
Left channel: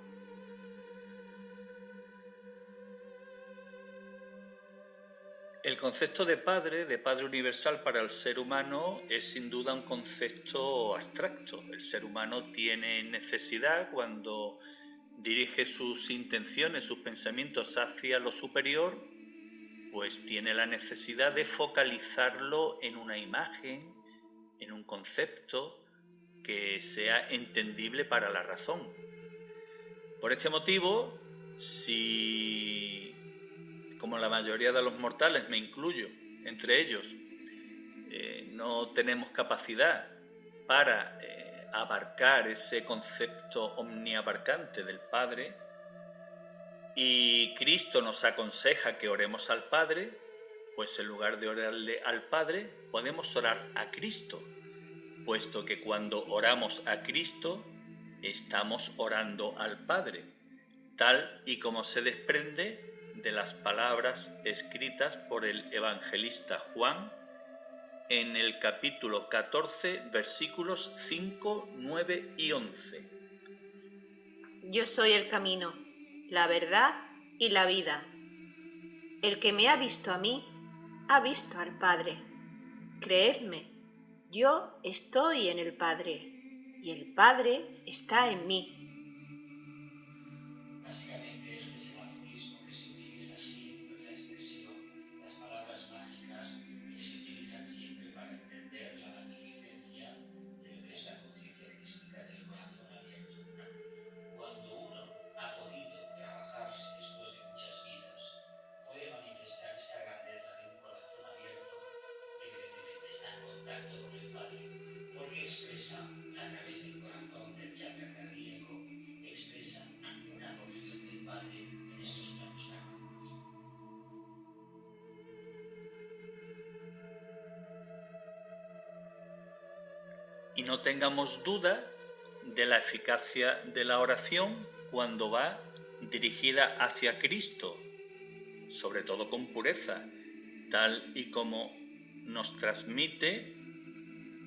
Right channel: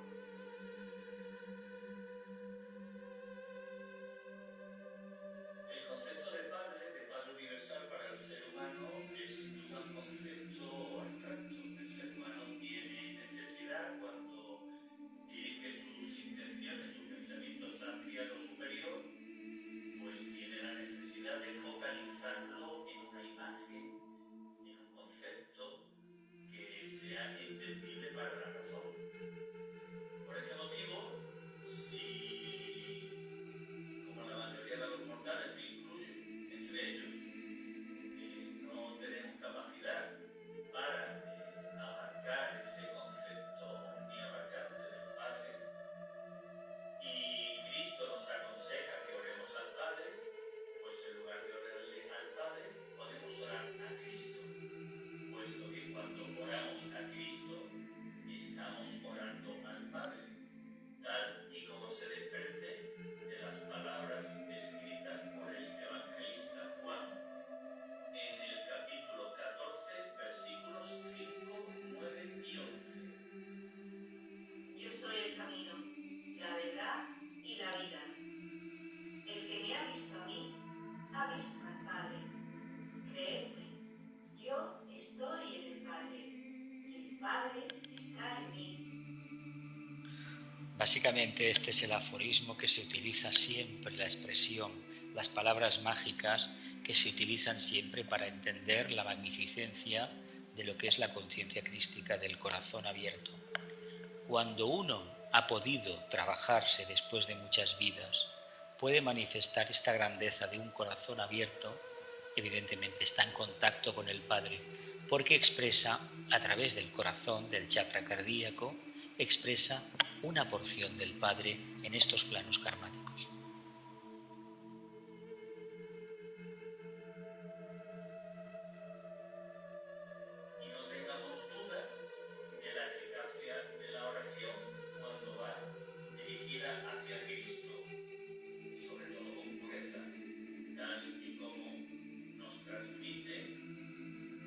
El concepto de Padre universal para el ser humano, es sin duda un concepto abstracto. El ser humano tiene necesidad, cuando dirige sus intenciones, sus pensamientos hacia lo superior, pues tiene la necesidad de focalizarlo en una imagen, en un concepto que sea entendible para la razón. Por este motivo, si, como la mayoría de los mortales, me incluyo entre ellos, no tenemos capacidad para abarcar ese concepto omniabarcante del Padre, y Cristo nos aconseja que oremos al Padre, pues en lugar de orarle al Padre, podemos orar a Cristo, puesto que cuando oramos a Cristo, estamos orando al Padre, tal y como se desprende de las palabras escritas por el evangelista Juan en el capítulo 14, versículos 5, 9 y 11. Yo soy el camino, la verdad y la vida. El que me ha visto a mí, ha visto al Padre. Creedme, yo estoy en el Padre y el Padre está en mí. Básicamente este es el aforismo que se utiliza siempre, la expresión, las palabras mágicas que se utilizan siempre para entender la magnificencia de lo que es la conciencia crística del corazón abierto. Cuando uno ha podido trabajarse después de muchas vidas, puede manifestar esta grandeza de un corazón abierto, evidentemente está en contacto con el Padre, porque expresa a través del corazón, del chakra cardíaco, expresa una porción del Padre en estos planos karmáticos. Y no tengamos duda de la eficacia de la oración cuando va dirigida hacia Cristo, sobre todo con pureza, tal y como nos transmite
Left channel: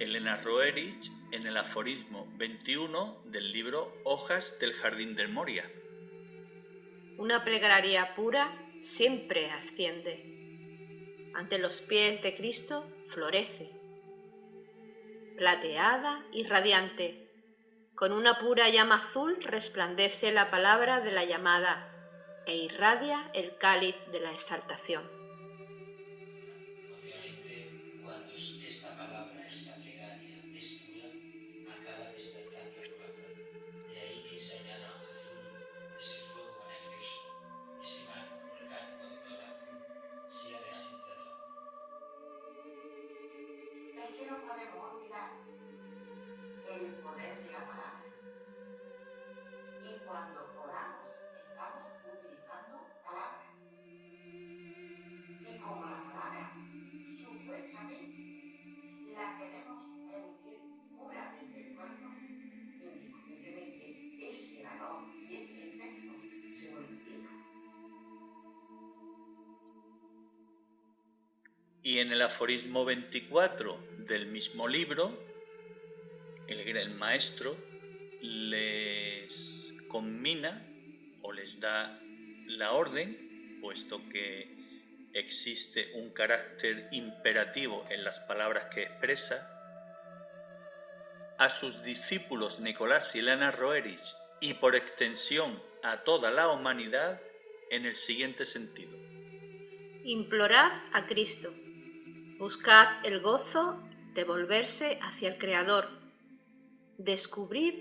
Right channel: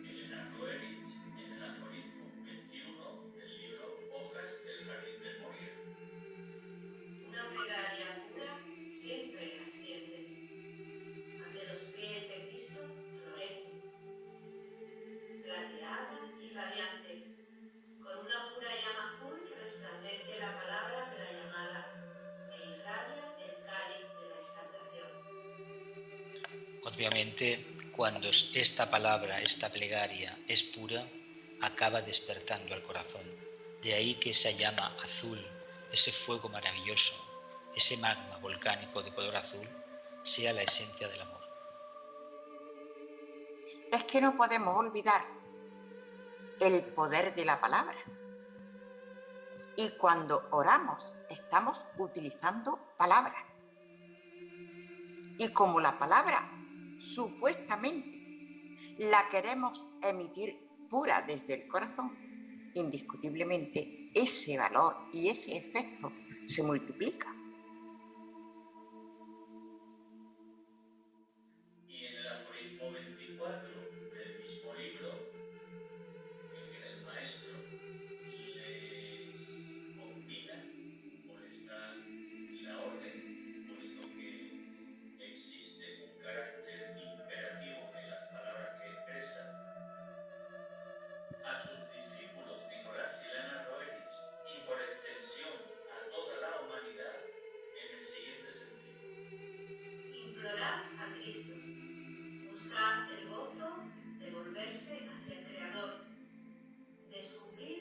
Elena Roerich en el aforismo 21 del libro Hojas del Jardín del Moria. Una plegaria pura siempre asciende. Ante los pies de Cristo florece, plateada y radiante. Con una pura llama azul resplandece la palabra de la llamada e irradia el cáliz de la exaltación. Obviamente, cuando esta palabra, esta plegaria es pura, acaba despertando al corazón. De ahí que esa llama azul, ese fuego maravilloso, ese magma volcánico de color azul, sea la esencia del amor. Es que no podemos olvidar el poder de la palabra. Y cuando oramos, estamos utilizando palabras. Y como la palabra, supuestamente, la queremos emitir pura desde el corazón, indiscutiblemente ese valor y ese efecto se multiplica. Y en el aforismo 24 del mismo libro, el gran maestro les conmina o les da la orden, puesto que existe un carácter imperativo en las palabras que expresa, a sus discípulos Nicolás y Elena Roerich y por extensión a toda la humanidad en el siguiente sentido. Implorad a Cristo, buscad el gozo de volverse hacia el Creador, descubrid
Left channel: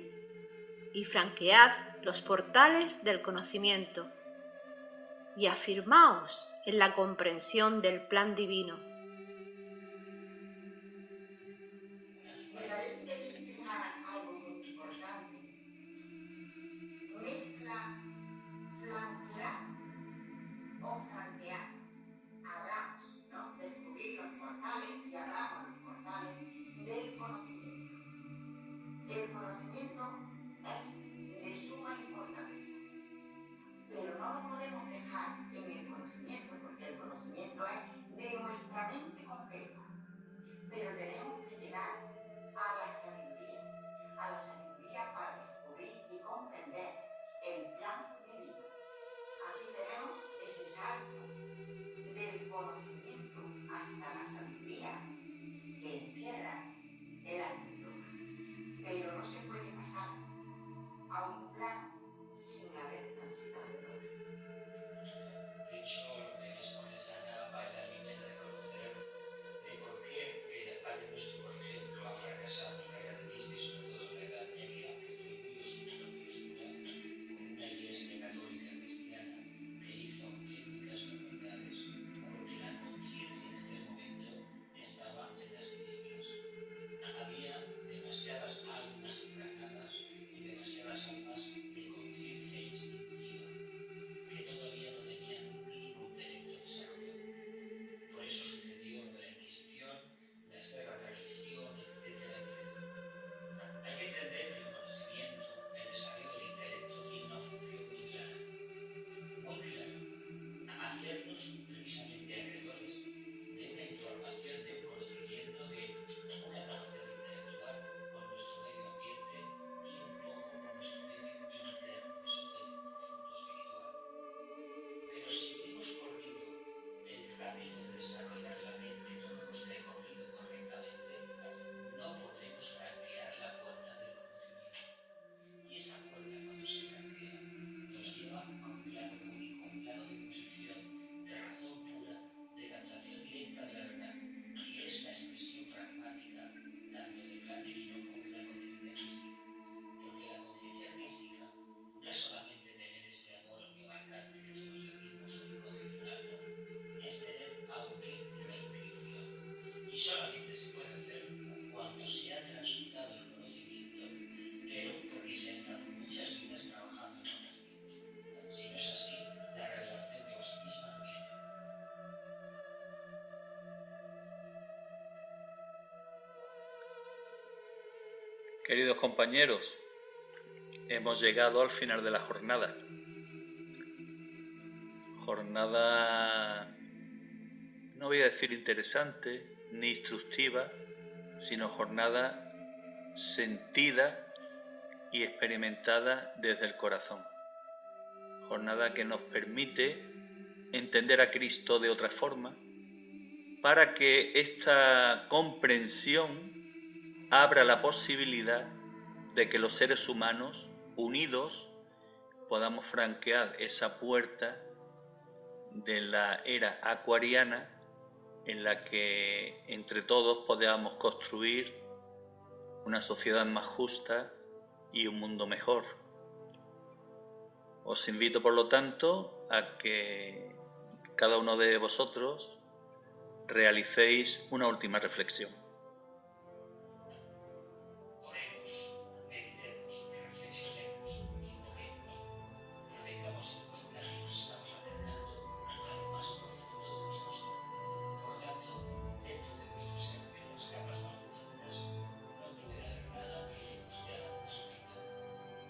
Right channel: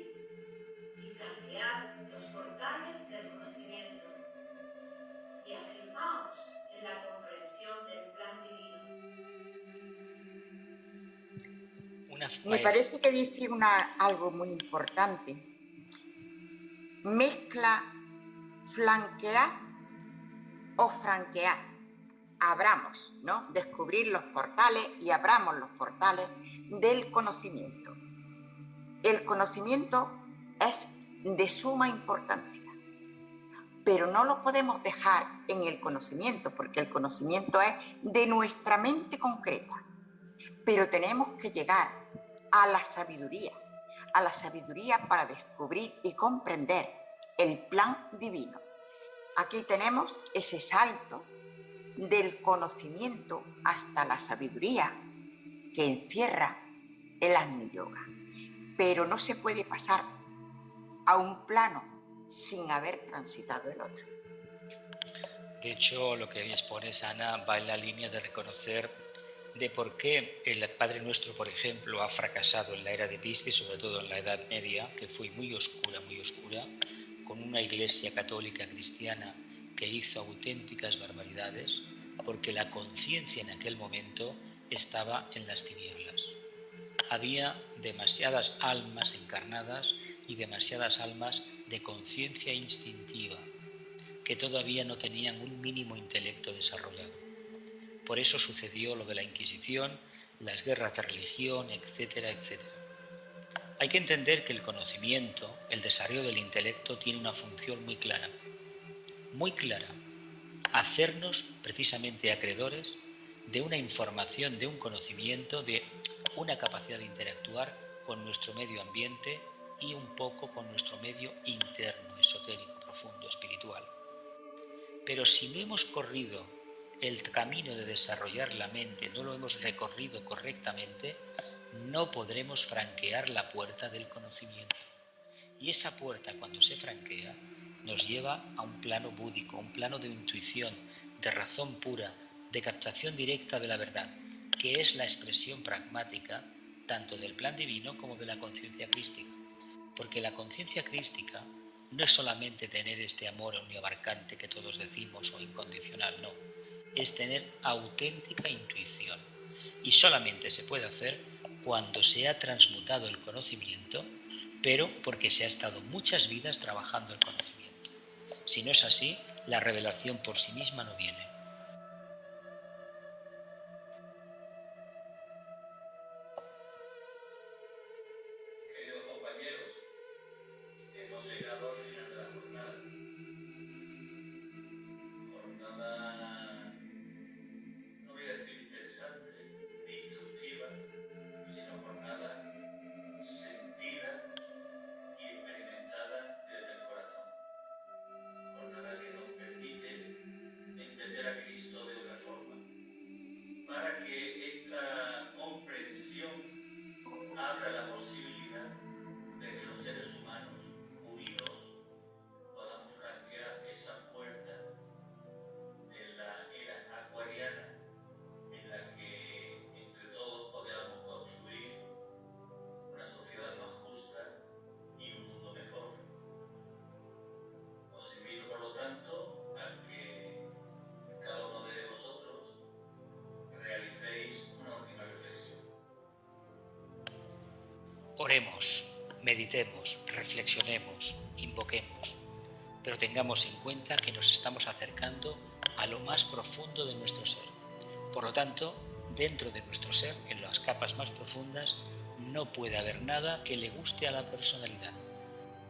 y franquead los portales del conocimiento y afirmaos en la comprensión del plan divino. Me parece que dice algo muy importante. Mezcla flanquear o franquear. Abramos, ¿no? Descubrir los portales y abramos los portales del conocimiento. El conocimiento es de suma importancia, pero no lo podemos dejar en el conocimiento, porque el conocimiento es de nuestra mente concreta. Pero tenemos que llegar a la sabiduría para descubrir y comprender el plan divino. Aquí tenemos ese salto del conocimiento hasta la sabiduría que encierra el Agni Yoga. Pero no se puede pasar a un plano sin haber transitado el otro. De hecho, lo que expones, Ana, va en la línea de reconocer de por qué el Padre Nuestro, por ejemplo, ha fracasado en la era de Piscis, sobre todo en la Edad Media, que fue muy oscura, con una iglesia católica cristiana que hizo auténticas barbaridades, porque la conciencia en aquel momento estaba en las tinieblas. Había demasiadas almas encarnadas y demasiadas almas de conciencia instintiva que todavía no tenían un mínimo intelecto desarrollado. Por eso sucedió lo de la Inquisición, las guerras de religión, etcétera, etcétera. Hay que entender que el conocimiento, el desarrollo del intelecto, tiene una función muy clara, hacernos precisamente acreedores de una información, de un conocimiento, de una capacidad de interactuar con nuestro medio ambiente y un poco con nuestro medio interno, esotérico, profundo, espiritual. Pero si no hemos corrido el camino de desarrollar la mente, no lo hemos recorrido correctamente, no podremos franquear la puerta del conocimiento. Y esa puerta, cuando se franquea, nos lleva a un plano búdico, un plano de intuición, de razón pura, de captación directa de la verdad, que es la expresión pragmática tanto del plan divino como de la conciencia crística. Porque la conciencia crística no es solamente tener este amor omniabarcante que todos decimos o incondicional, no. Es tener auténtica intuición. Y solamente se puede hacer cuando se ha transmutado el conocimiento, pero porque se ha estado muchas vidas trabajando el conocimiento. Si no es así, la revelación por sí misma no viene. Queridos compañeros, hemos llegado al final de la jornada. Jornada, no voy a decir interesante ni instructiva, sino jornada sentida y experimentada desde el corazón. Jornada que nos permite entender a Cristo de otra forma, para que esta comprensión abra la posibilidad de que los seres humanos, unidos, podamos franquear esa puerta de la era acuariana en la que entre todos podamos construir una sociedad más justa y un mundo mejor. Os invito, por lo tanto, a que cada uno de vosotros realicéis una última reflexión. Oremos, meditemos, reflexionemos, invoquemos, pero tengamos en cuenta que nos estamos acercando a lo más profundo de nuestro ser. Por lo tanto, dentro de nuestro ser, en las capas más profundas, no puede haber nada que le guste a la personalidad.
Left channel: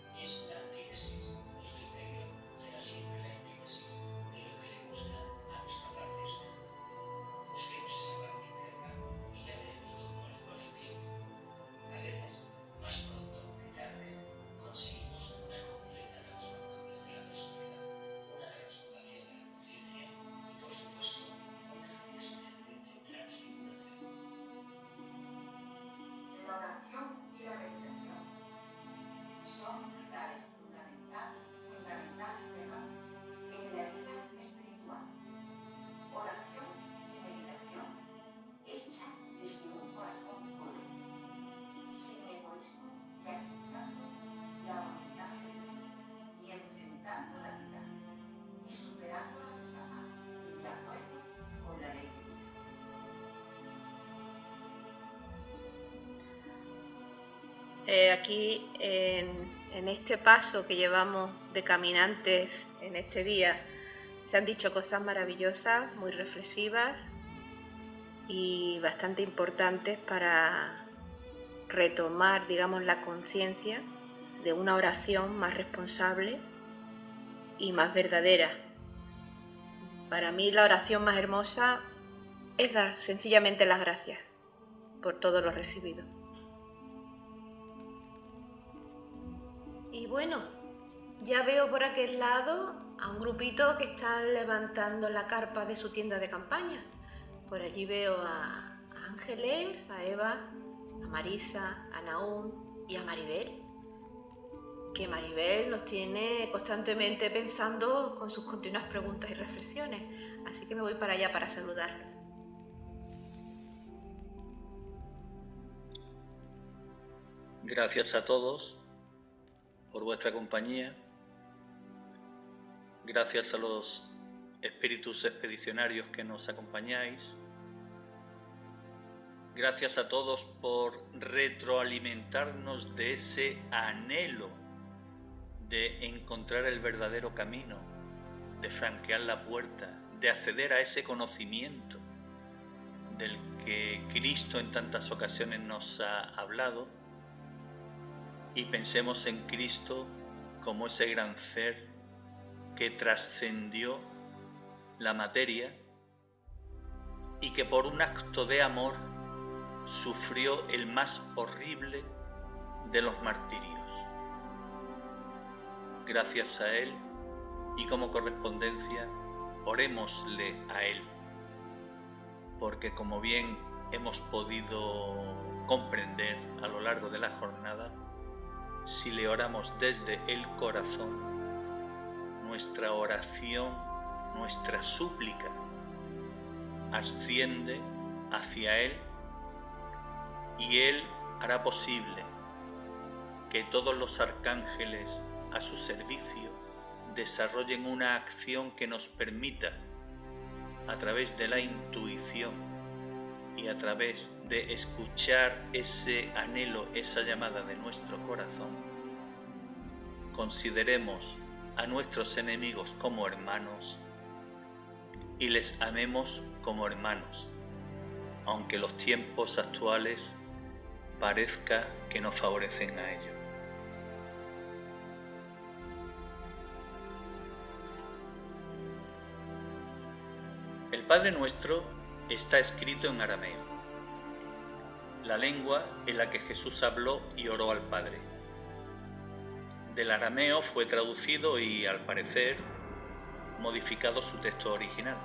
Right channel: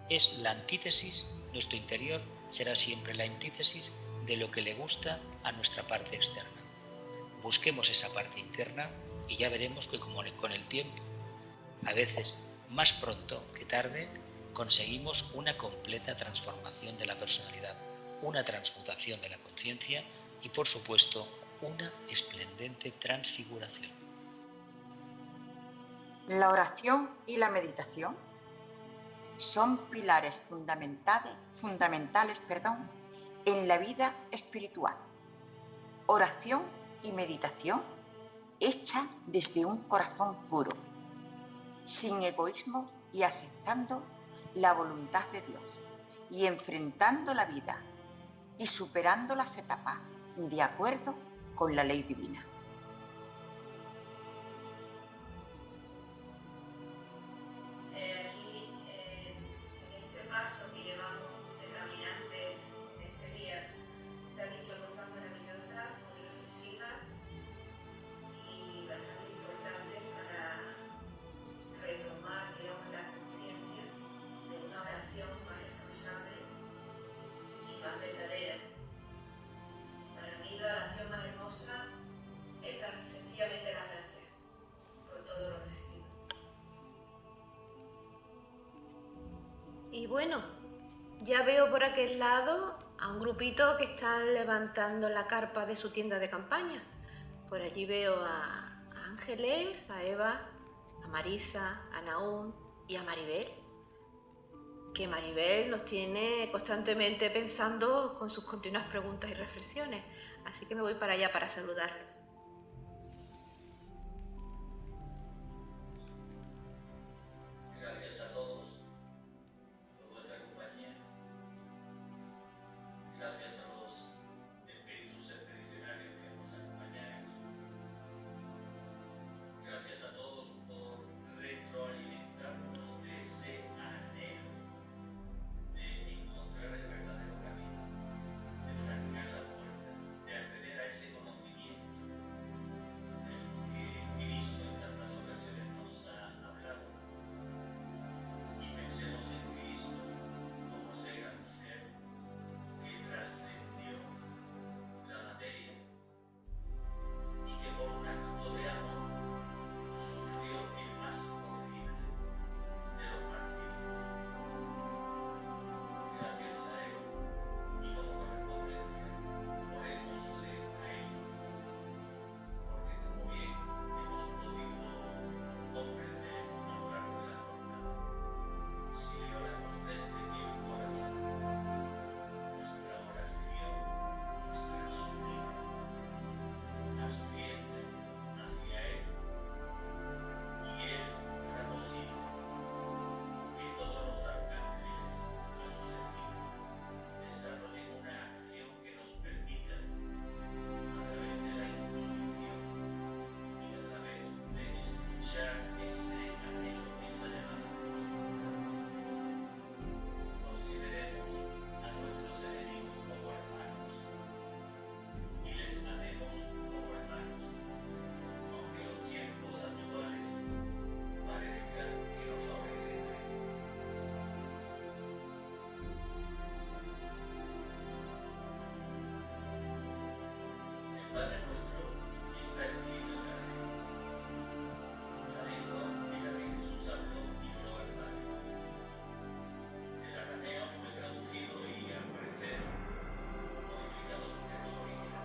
Es la antítesis, nuestro interior será siempre la antítesis de lo que le gusta a nuestra parte externa. Busquemos esa parte interna y ya veremos que como con el tiempo, a veces más pronto que tarde, conseguimos una completa transformación de la personalidad, una transmutación de la conciencia y, por supuesto, una esplendente transfiguración. La oración y la meditación son pilares fundamentales, en la vida espiritual. Oración y meditación hecha desde un corazón puro, sin egoísmo y aceptando la voluntad de Dios y enfrentando la vida y superando las etapas de acuerdo con la ley divina. Aquí en este paso que llevamos de caminantes en este día se han dicho cosas maravillosas, muy reflexivas y bastante importantes para retomar, digamos, la conciencia de una oración más responsable y más verdadera. Para mí la oración más hermosa es dar sencillamente las gracias por todo lo recibido. Y bueno, ya veo por aquel lado a un grupito que están levantando la carpa de su tienda de campaña. Por allí veo a Ángeles, a Eva, a Marisa, a Naúm y a Maribel. Que Maribel nos tiene constantemente pensando con sus continuas preguntas y reflexiones. Así que me voy para allá para saludarlos. Gracias a todos por vuestra compañía. Gracias a los espíritus expedicionarios que nos acompañáis. Gracias a todos por retroalimentarnos de ese anhelo de encontrar el verdadero camino, de franquear la puerta, de acceder a ese conocimiento del que Cristo en tantas ocasiones nos ha hablado, y pensemos en Cristo como ese gran ser que trascendió la materia y que por un acto de amor sufrió el más horrible de los martirios. Gracias a Él y como correspondencia, orémosle a Él, porque como bien hemos podido comprender a lo largo de la jornada, si le oramos desde el corazón, nuestra oración, nuestra súplica asciende hacia Él y Él hará posible que todos los arcángeles a su servicio desarrollen una acción que nos permita, a través de la intuición y a través de escuchar ese anhelo, esa llamada de nuestro corazón, consideremos a nuestros enemigos como hermanos y les amemos como hermanos, aunque los tiempos actuales parezca que no favorecen a ello. El Padre Nuestro está escrito en arameo, la lengua en la que Jesús habló y oró al Padre. Del arameo fue traducido y, al parecer, modificado su texto original.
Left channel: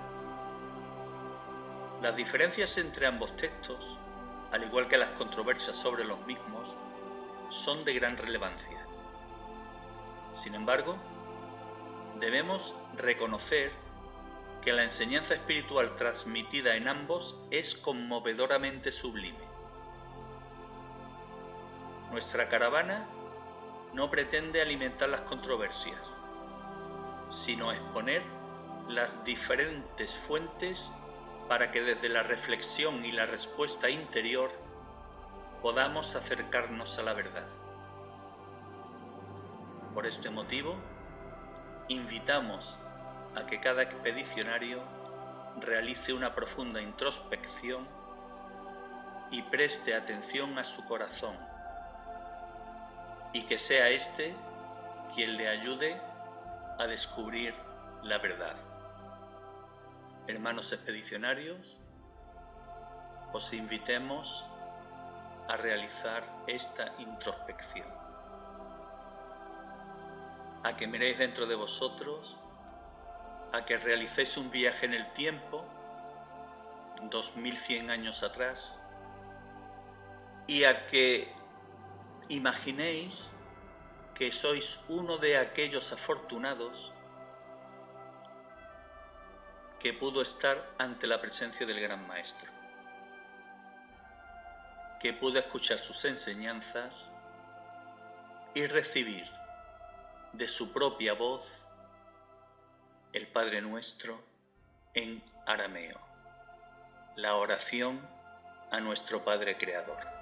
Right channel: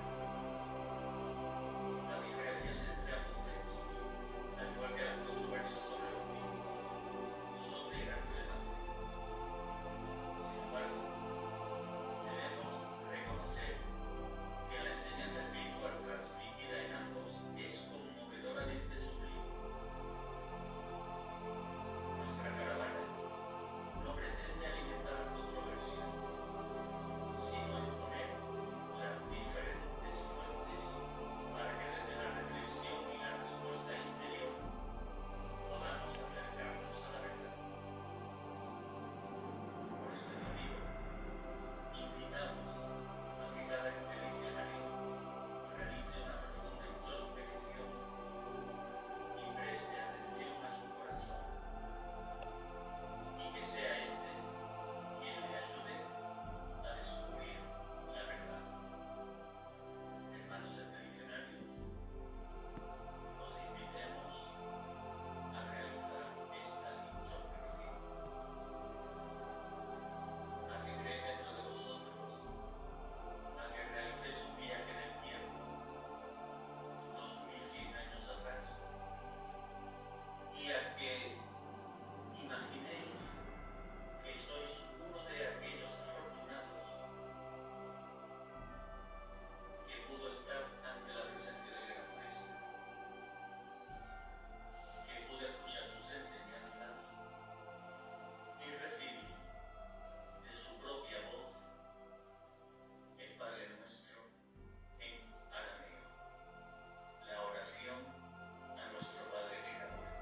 Las diferencias entre ambos textos, al igual que las controversias sobre los mismos, son de gran relevancia. Sin embargo, debemos reconocer que la enseñanza espiritual transmitida en ambos es conmovedoramente sublime. Nuestra caravana no pretende alimentar las controversias, sino exponer las diferentes fuentes para que desde la reflexión y la respuesta interior podamos acercarnos a la verdad. Por este motivo, invitamos a que cada expedicionario realice una profunda introspección y preste atención a su corazón, y que sea éste quien le ayude a descubrir la verdad. Hermanos expedicionarios, os invitemos a realizar esta introspección, a que miréis dentro de vosotros, a que realicéis un viaje en el tiempo, 2100 años atrás, y a que imaginéis que sois uno de aquellos afortunados que pudo estar ante la presencia del Gran Maestro, que pudo escuchar sus enseñanzas y recibir de su propia voz el Padre Nuestro en arameo, la oración a nuestro Padre Creador.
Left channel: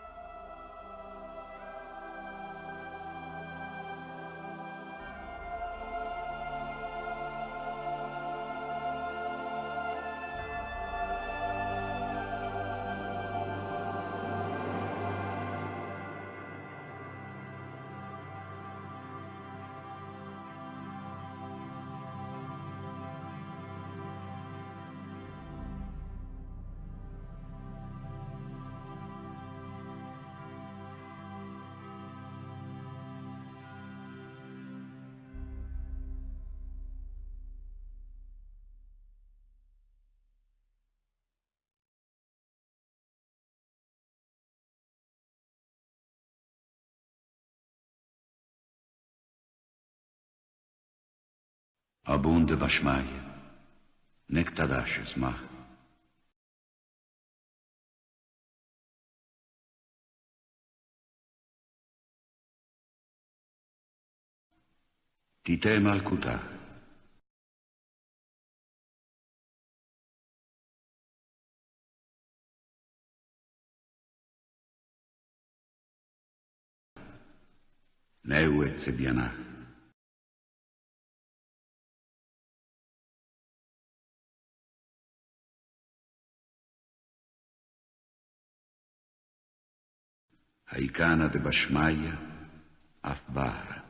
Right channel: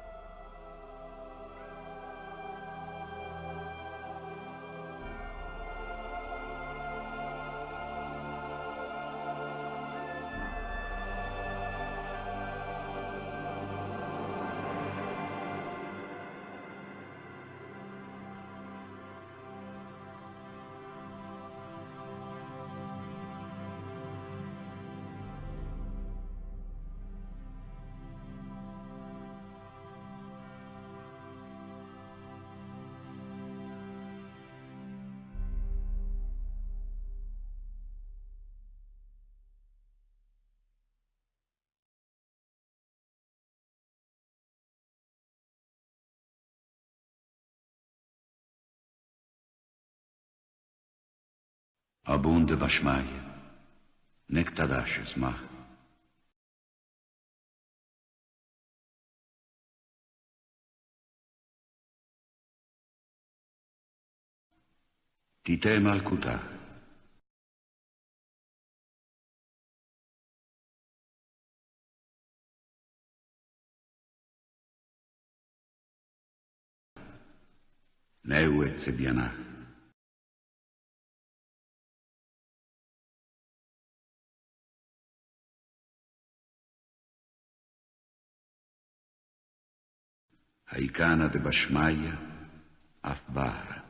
Abunde Bashmaya, Nektadashes Mach. Tite Malkuta. Neuet Sebianach. Haikana de Bashmaya, Afbara.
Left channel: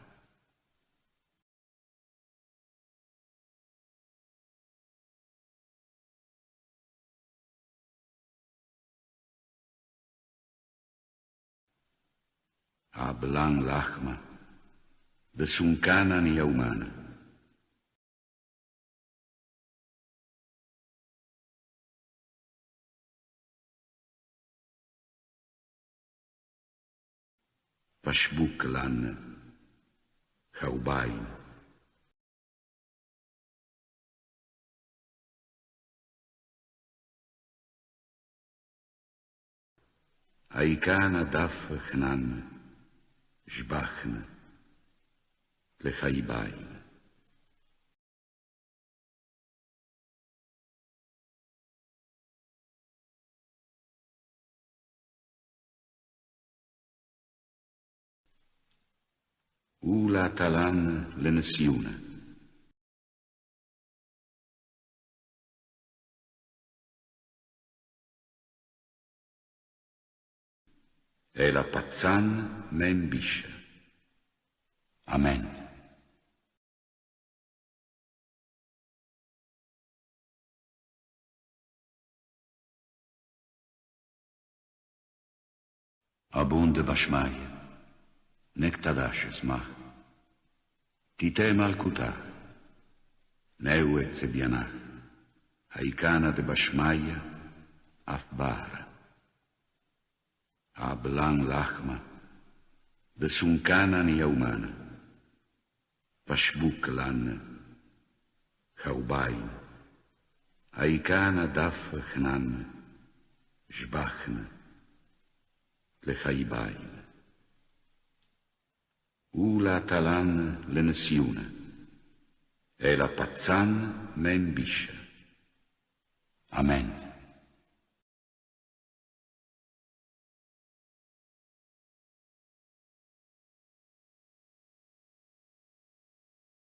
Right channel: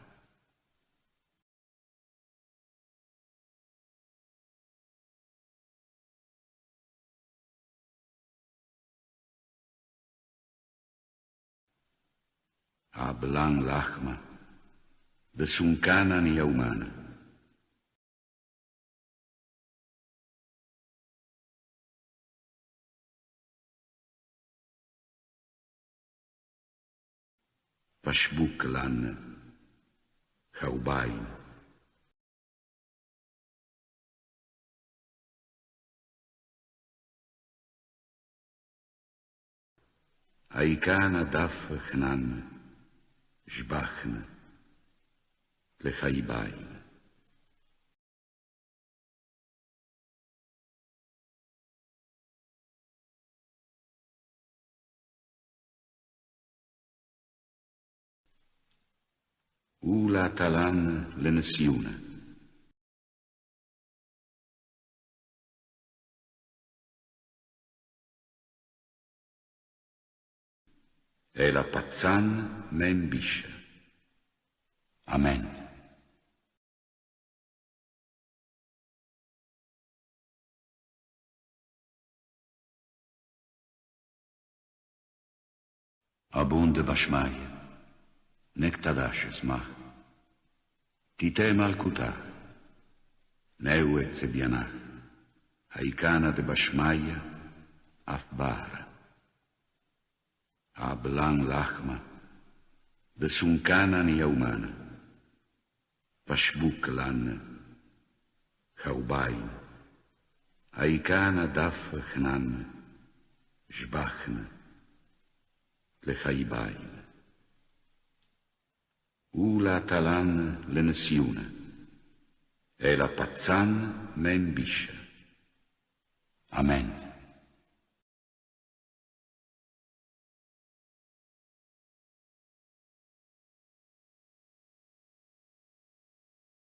Ablang Lachma, de Sunkana ni Yaumana. Pashbuk Lan, Chaubain. Haikana Daf Chnan, Jbachna, Lechaibain. Ula Talan Lenesiuna. E la Pazzan Membisha. Amen. Abunde Bashmaya, Nektadashes Mach. Tite Malkuta, Neuet Sebianach, Haikana de Bashmaya, Afbara. Ablang Lachma, de Sunkana ni Yaumana. Pashbuk Lan, Chaubain. Haikana Daf Chnan, Jbachna, Lechaibain. Ula Talan Lenesiuna, e la Pazzan Membisha. Amen.